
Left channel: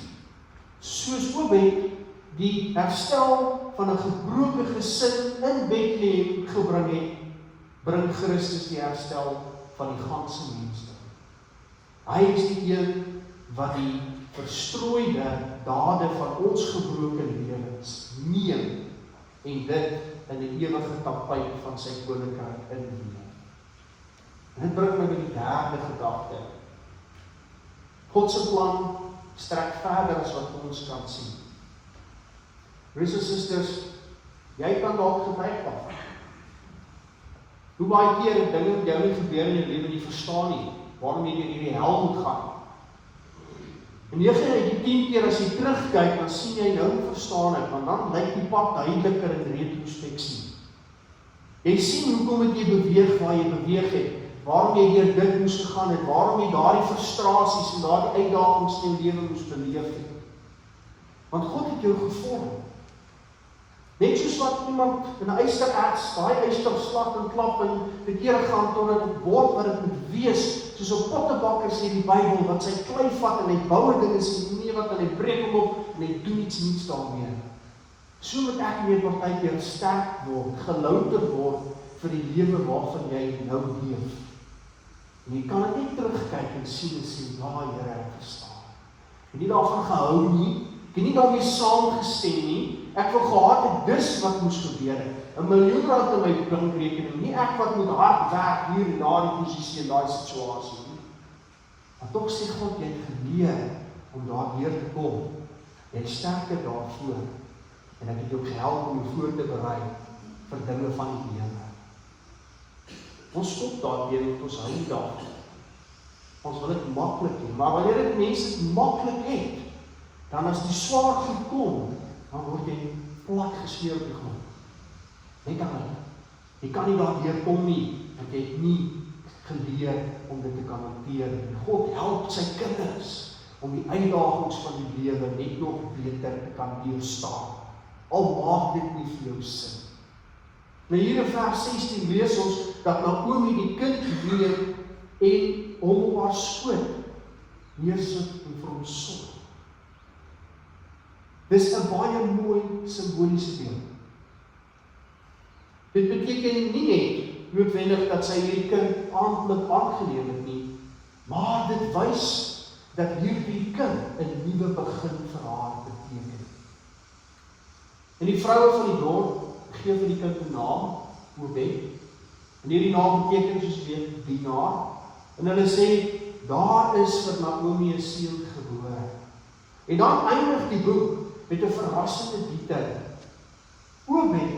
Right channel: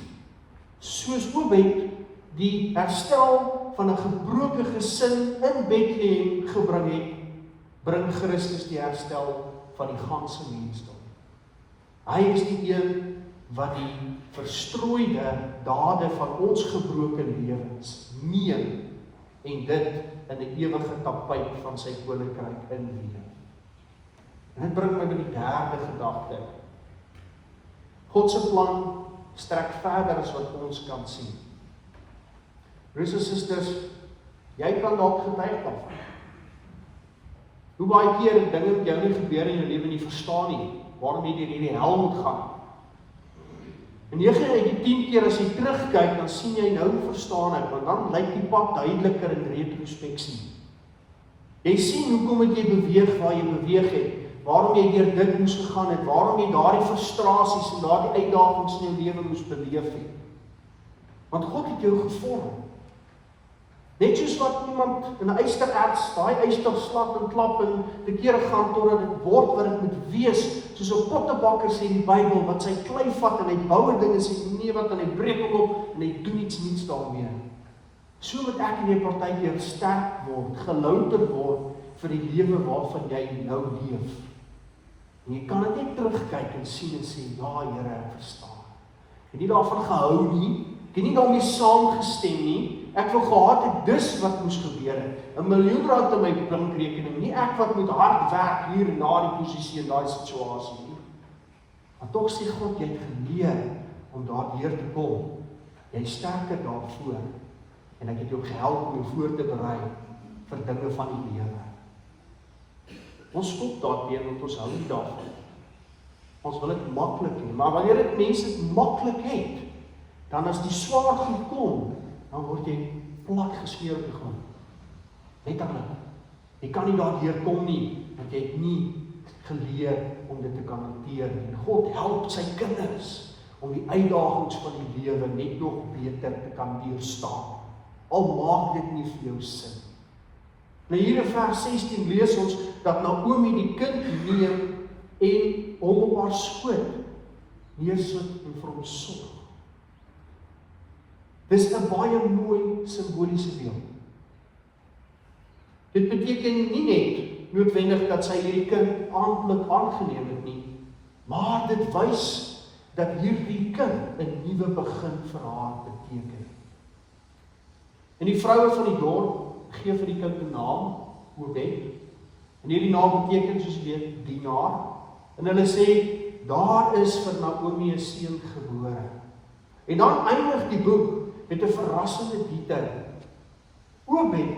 Soos Obed die herstel van 'n gebroke gesin in Bethlehem gebring het, bring Christus die herstel van die ganse mensdom. Hy is die een wat die verstrooide dade van ons gebroke lewens neem en dit in 'n ewige tapijt van sy koninkryk inneem. En dit bring my by die derde gedagte. God se plan strek verder as wat ons kan sien. Broers en susters, jy kan dalk getuig word. Hoe baie keer dinge met jou nie gebeur in jou lewe nie verstaan nie, waarom jy in die hel moet gaan. En 9 uit die 10 keer as jy terugkyk, dan sien jy nou verstaan het, want dan lyk die pad duideliker in retrospeksie. Jy sien hoekom het jy beweeg waar jy beweeg het, waarom jy deur dit moes gegaan het, waarom jy daardie frustrasies en daardie uitdagings in jou lewe moes beleef het. Want God het jou gevorm. Net soos wat iemand in 'n ystererts, daai yster slap en klap en te kere gaan totdat dit word wat dit moet wees, soos 'n pottebakker sê in die Bybel, wat sy klei vat en hy bou dinge sê nee wat en hy breek hom op en hy doen iets nuuts daarmee. So moet ek en jy partykeer sterk word, gelouter word vir die lewe waarvan jy nou leef. En jy kan net terugkyk en sien en sê, ja Here, ek verstaan. Ek het nie daarvan gehou nie, ek het nie daarmee saamgestem nie. Ek wil gehad het dis wat moes gebeur het. R1 miljoen in my bankrekening, nie ek wat moet hard werk hier na die posisie en daai situasie nie. Maar tog sê God, jy het geleer om daar weer te kom. Jy is sterker daarvoor. En ek het jou gehelp om jou voor te berei vir dinge van die lewe. Ons stop daarteen, want ons hou nie daarvan. Ons wil dit maklik hê, maar wanneer dit mense maklik het, dan as die swaar goed kom, dan word jy plat geskeer op die grond. Jy kan nie. Jy kan nie daardeur kom nie, want jy het nie geleer om dit te kan hanteer. God help sy kinders om die uitdagings van die lewe net nog beter te kan deurstaan. Al maak dit nie vir jou sin. Nou hier in vers 16 lees ons dat Naomi die kind neem en hom op haar skoot neersit en vir hom sorg. Dis 'n baie mooi simboliese beeld. Dit beteken nie net noodwendig dat sy die kind aangeneem het nie, maar dit wys dat hierdie kind 'n nuwe begin vir haar beteken. En die vroue van die dorp gee vir die kind 'n naam, Obed. En hierdie naam beteken soos weet dienaar. En hulle sê, daar is vir Naomi 'n seun gebore. En dan eindig die boek met 'n verrassende detail. Obed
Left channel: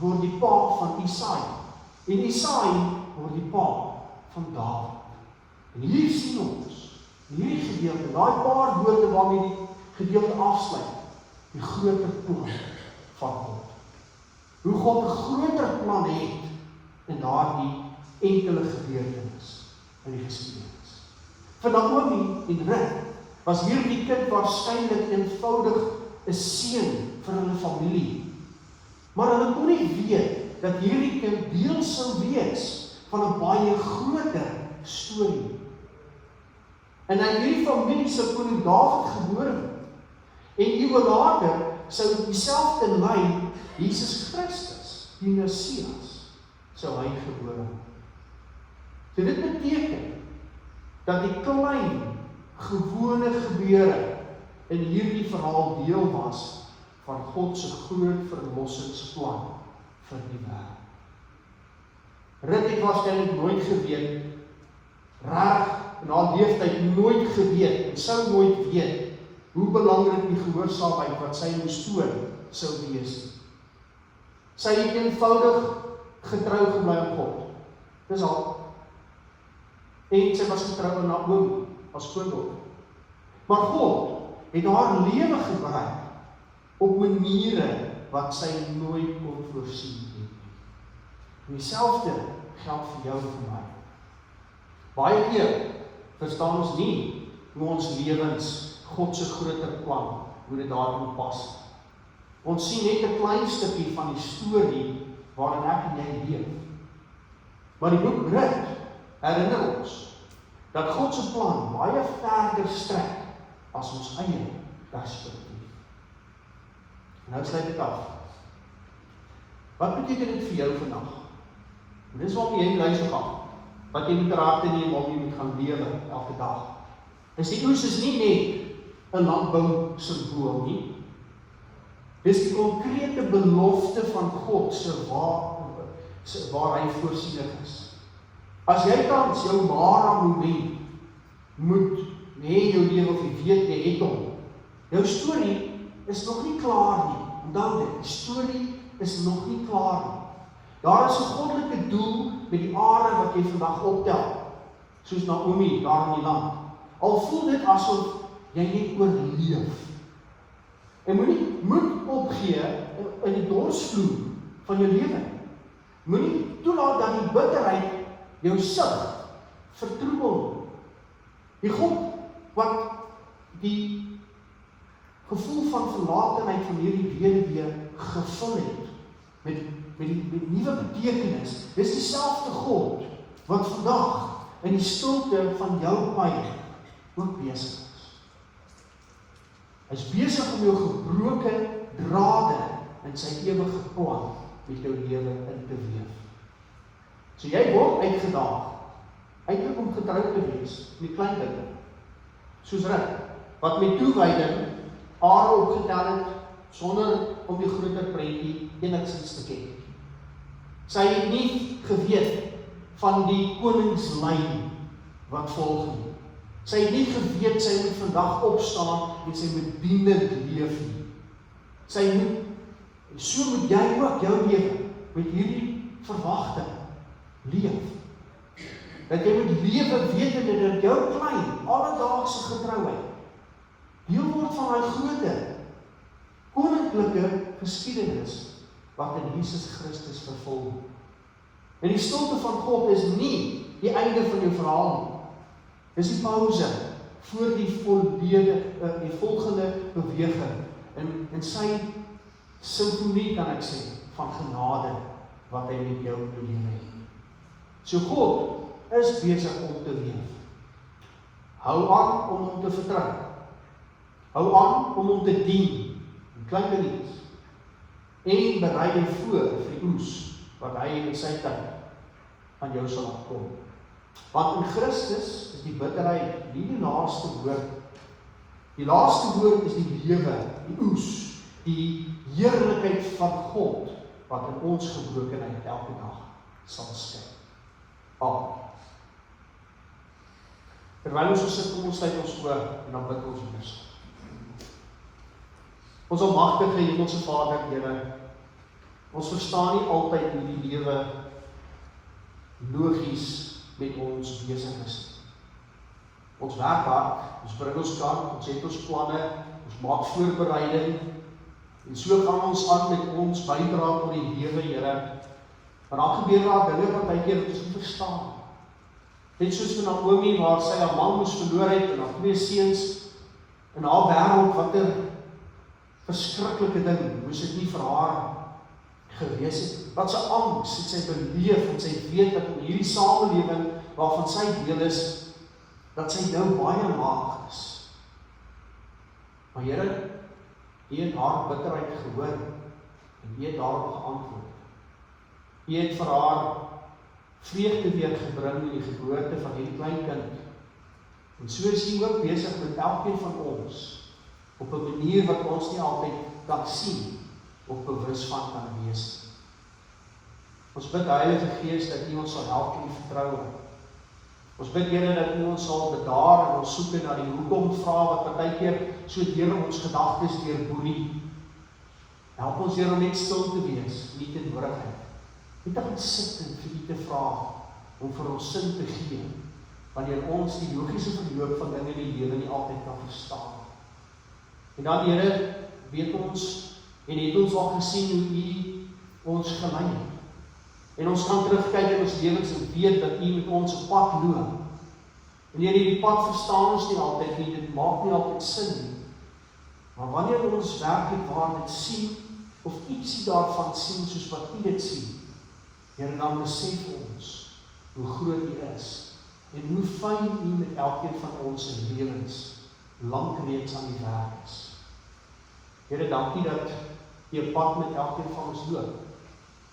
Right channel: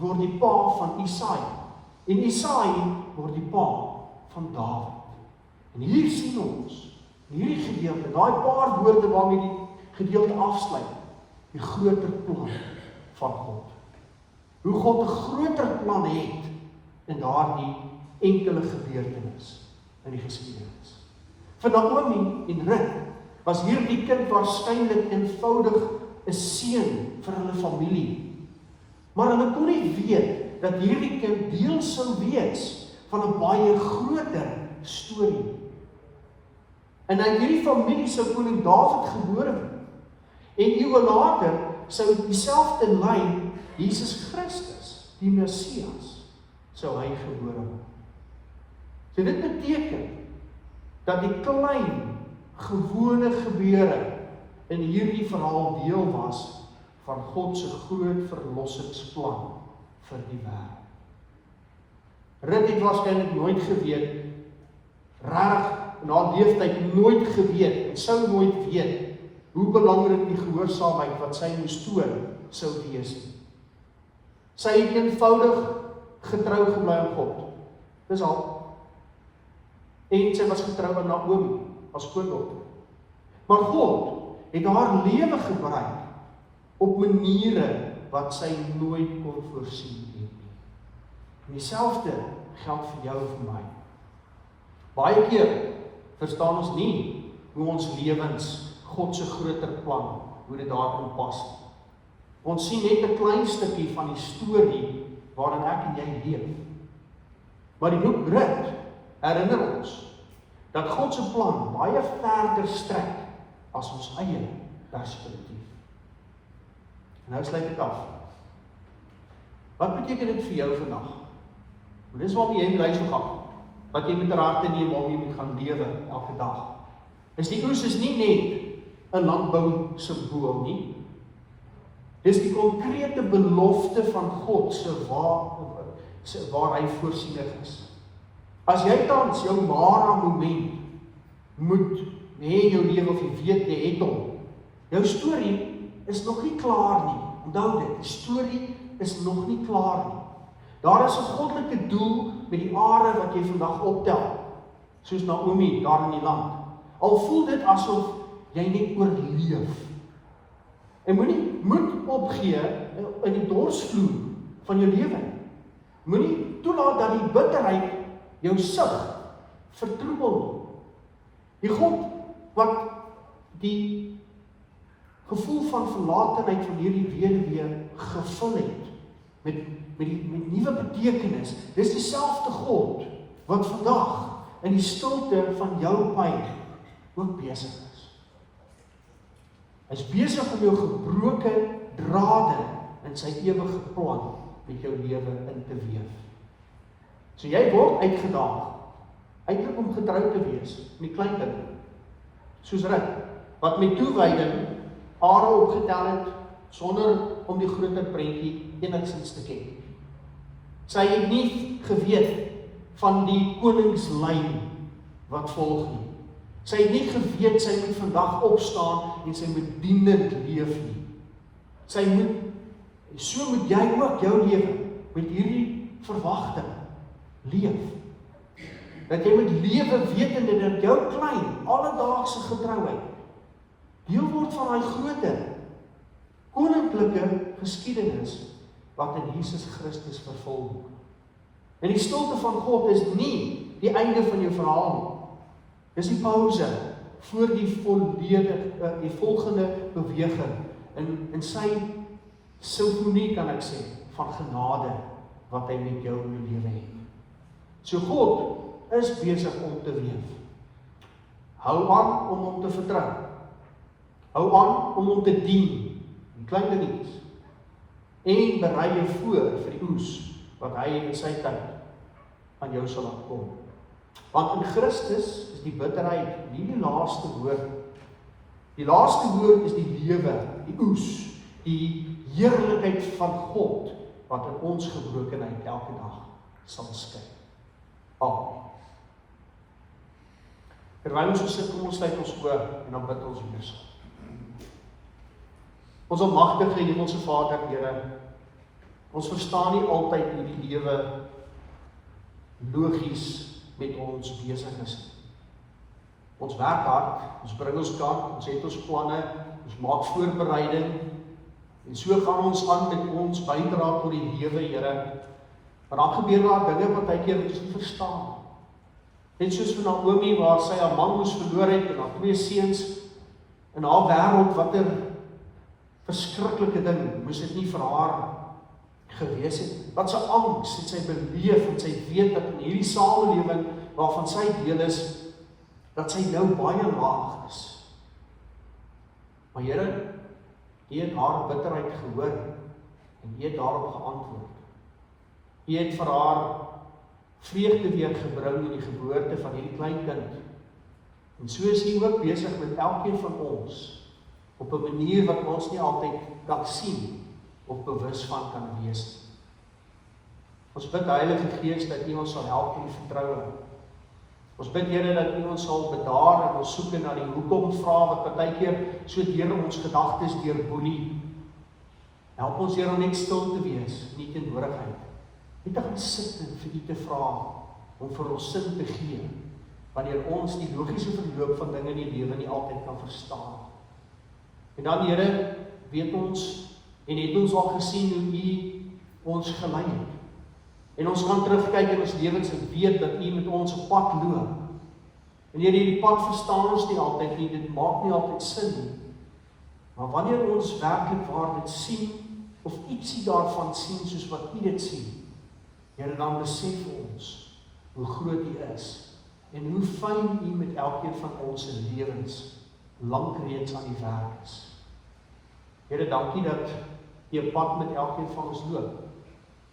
word die pa van Isaai. En Isaai word die pa van Dawid. En hier sien ons, hierdie gedeelte, daai paar woorde waarmee die gedeelte afsluit, die groter plan van God. Hoe God 'n groter plan het in daardie enkele gebeurtenis in die geskiedenis. Vir Naomi en Rut was hierdie kind waarskynlik eenvoudig 'n seun vir hulle familie. Maar hulle kon nie weet dat hierdie kind deel sou wees van 'n baie groter storie. En in hierdie familie sou koning Dawid gebore word. En eeue later sou dieselfde lyn Jesus Christus, die Messias, sou hy gebore word. So dit beteken dat die klein, gewone gebeure in hierdie verhaal deel was van God se groot verlossingsplan vir die wêreld. Rut het waarskynlik nooit geweet, reg in haar leeftyd nooit geweet, en sou nooit weet, hoe belangrik die gehoorsaamheid wat sy moes toon sou wees. Sy het eenvoudig getrou gebly aan God. Dis al. En sy was getrou aan Naomi as skoondogter. Maar God het haar lewe gebruik op maniere wat sy nooit kon voorsien het. En dieselfde geld vir jou en vir my. Baie keer verstaan ons nie hoe ons lewens God se groter plan, hoe dit daarin pas. Ons sien net 'n klein stukkie van die storie waarin ek en jy leef. Maar die boek Rut herinner ons dat God se plan baie verder strek as ons eie perspektief. Nou sluit ek af. Wat beteken dit vir jou vandag? En dis waarom jy bly so gaan. Wat jy met raad neem waarom jy moet gaan lewe elke dag. En die oes is nie net 'n landbou simbool nie. Dis die konkrete belofte van God waar hy voorsiening is. As jy tans jou ware moment moet hê in jou lewe of jy weet jy het hom, jou storie is nog nie klaar nie. Onthou dit, die storie is nog nie klaar nie. Daar is 'n goddelike doel met die are wat jy vandag optel, soos Naomi daar in die land. Al voel dit asof jy net oorleef. En moet opgee in die dorsvloer van jou lewe. Moenie toelaat dat die bitterheid jou sig vertroebel. Die God wat die gevoel van verlatenheid van hierdie weduwee gevul het met nuwe betekenis. Dis dieselfde God wat vandag in die stilte van jou pyn ook besig is. Hy is besig om jou gebroke drade in sy ewige plan met jou lewe in te weef. So jy word uitgedaag, eintlik om getrou te wees, met kleinkinders, soos Rut, wat met toewyding are opgetel het, sonder om die groter prentjie enigstens te ken. Sy het nie geweet van die koningslyn wat volg nie. Sy het nie geweet sy moet vandag opstaan en sy moet dienend leef nie. So moet jy ook jou lewe met hierdie verwagting leef. Dat jy moet lewe wetende dat jou klein, alledaagse getrouheid deel word van daai grote, koninklike geskiedenis wat in Jesus Christus vervul. En die stilte van God is nie die einde van jou verhaal. Dis die pauze voor die volgende beweging in sy simfonie, kan ek sê, van genade wat hy met jou in die lewe het. So God is besig om te weef. Hou aan om hom te vertrou. Hou aan om hom te dien, in klein dingetjies. En berei jy voor vir die oes wat hy in sy tyd aan jou sal laat kom. Want in Christus is die bitterheid nie die laaste woord. Die laaste woord is die lewe, die oes, die heerlikheid van God wat in ons gebrokenheid elke dag sal skyn. Amen. Terwyl ons sit, kom ons sluit ons oë en dan bid ons eers. Ons almagtige Hemelse Vader, Here, ons verstaan nie altyd hoe die lewe logies met ons besig is. Ons werk hard, ons bring ons kant, ons het ons planne, ons maak voorbereiding, en so gaan ons aan met ons bydra tot die lewe, Here. Maar dan gebeur daar dinge wat baie keer ons nie verstaan. Net soos vir Naomi, waar sy haar man moes verloor het en haar 2 seuns in haar wêreld, watter verskriklike ding moes dit nie vir haar gewees het. Wat sy angs het sy beleef en sy weet dat in hierdie samelewing waarvan sy deel is, dat sy nou baie laag is. Maar Here, U het haar bitterheid gehoor en U het daarop geantwoord. U het vir haar vreugde weer gebring in die geboorte van die kleinkind. En so is U ook besig met elkeen van ons op 'n manier wat ons nie altyd kan sien of bewus van kan wees. Ons bid Heilige Gees dat U ons sal help en vertrou. Ons bid Here dat U ons sal bedaar en ons soeke na die hoekom vrae wat baie keer so deur ons gedagtes deurboelie. Help ons Here om net stil te wees, nie teenwoordigheid. Net te gaan sit en vir U te vra om vir ons sin te gee, wanneer ons die logiese verloop van dinge in die lewe nie altyd kan verstaan. En dan Here, weet ons en het ons al gesien hoe U ons gelei het. En ons kan terugkyk in ons lewens en weet dat U met ons 'n pad loop. En Here, die pad verstaan ons nie altyd nie, dit maak nie altyd sin nie. Maar wanneer ons werklik waar dit sien, of ietsie daarvan sien soos wat U dit sien, Here, dan besef ons hoe groot U is en hoe fyn U met elkeen van ons se lewens lank reeds aan die werk is. Here, dankie dat U 'n pad met elkeen van ons loop.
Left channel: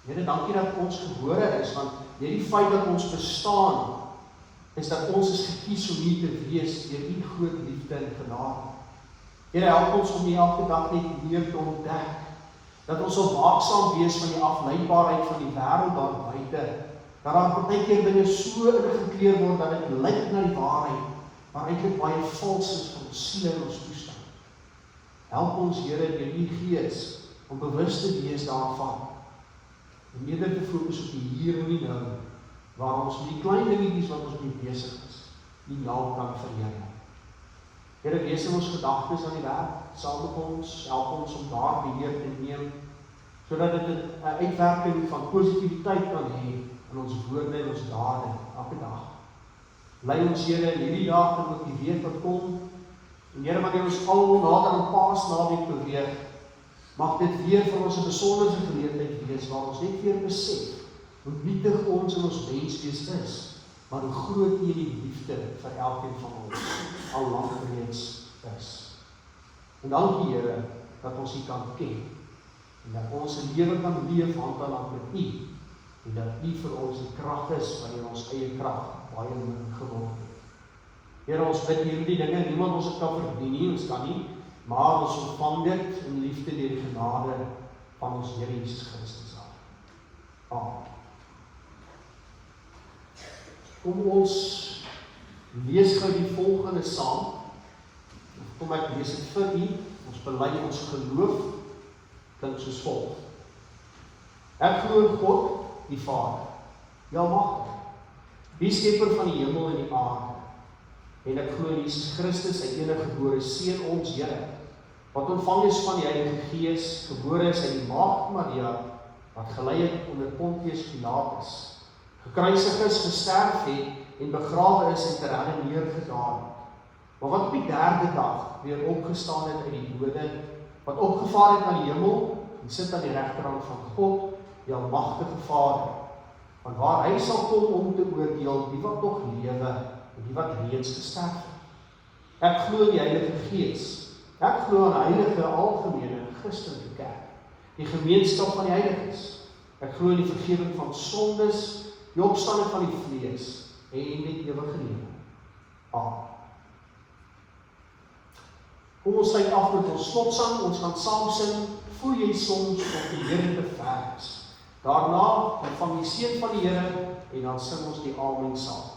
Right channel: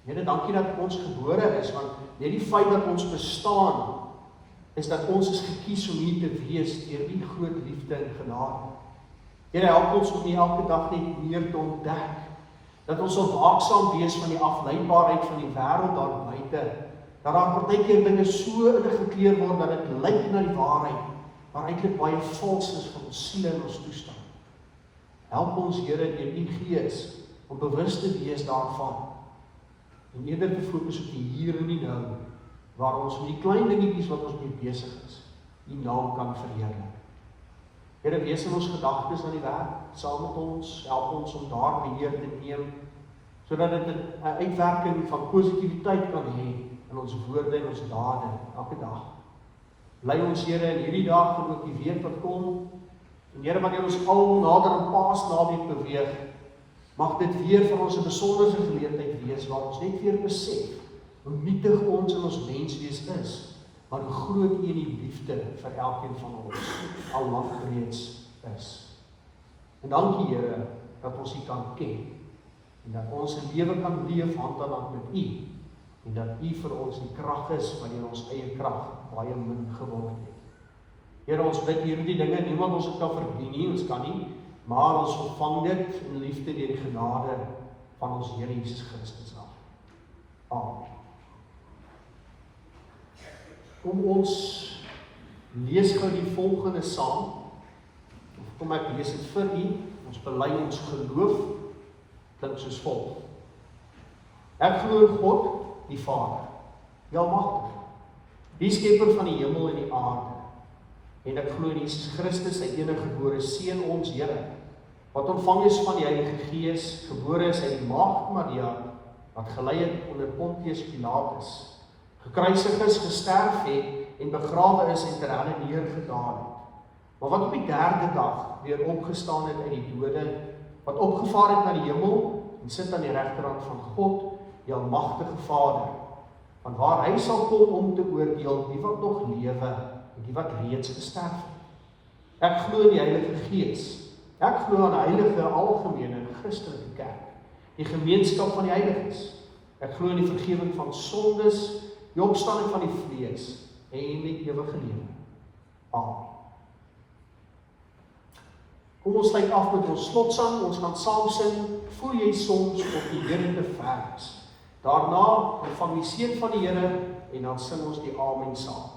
Here, dankie dat ons gebore is, want net die feit dat ons bestaan, is dat ons is gekies om hier te wees deur U groot liefde en genade. Here, help ons om hier elke dag net meer te ontdek, dat ons sal waaksaam wees van die afleidbaarheid van die wêreld daar buite, dat daar partykeer dinge so ingekleer word dat dit lyk na die waarheid, maar eintlik baie vals is vir ons siele en ons toestand. Help ons, Here, deur U Gees om bewus te wees daarvan. En eerder te fokus op die hier en die nou, waar ons met die klein dingetjies wat ons mee besig is, die naam kan verheerlik. Here, wees in ons gedagtes aan die werk, saam met ons, help ons om daar beheer te neem, sodat dit 'n uitwerking van positiwiteit kan hê in ons woorde en ons dade, elke dag. Lei ons, Here, in hierdie dag en ook die week wat kom, en Here, wat ons al nader aan Paasnaweek beweeg, mag dit weer vir ons 'n besondere geleentheid wees, waar ons net weer besef, hoe nietig ons in ons menswees is, maar hoe groot U in die liefde vir elkeen van ons al lang reeds is. En dankie, Here, dat ons U kan ken, en dat ons 'n lewe kan leef handelaar met U, en dat U vir ons die krag is, wanneer ons eie krag baie min geword het. Here, ons bid hierdie dinge, niemand ons het kan verdien nie, ons kan nie, maar ons ontvang dit in liefde deur die genade van ons Here Jesus Christus. Amen. Kom ons lees gou die volgende saam. Kom ek lees dit vir U. Ons bely ons geloof, klink soos volg. Ek glo in God, die Vader, die Almagtige, die skepper van die hemel en die aarde. En ek glo in Jesus Christus, sy enige gebore Seun, ons Here, wat ontvang is van die Heilige Gees, gebore is uit die maagd Maria, wat gelei het onder Pontius Pilatus, gekruisig is, gesterf het, en begrawe is en ter helle neergedaal het, maar wat op die derde dag weer opgestaan het uit die dode, wat opgevaar het na die hemel, en sit aan die regterhand van God, die Almagtige Vader, van waar hy sal kom om te oordeel die wat nog lewe, en die wat reeds gesterf het. Ek glo in die Heilige Gees. Ek glo aan 'n heilige, algemene, Christelike kerk, die gemeenskap van die heiliges. Ek glo in die vergifnis van sondes, die opstanding van die vlees en die ewige lewe. Amen. Kom ons sluit af met ons slotsang, ons gaan saam sing, voel jy soms op die Here te vers. Daarna van die seën van die Here en dan sing ons die Amen saam.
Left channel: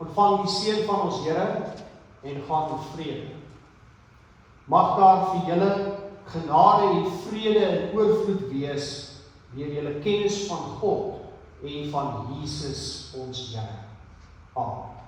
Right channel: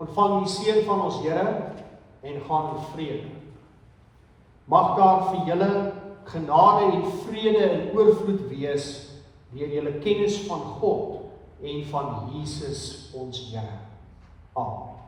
Ontvang die seën van ons Here en gaan met vrede. Mag daar vir julle genade en vrede in oorvloed wees deur julle kennis van God en van Jesus ons Here. Amen.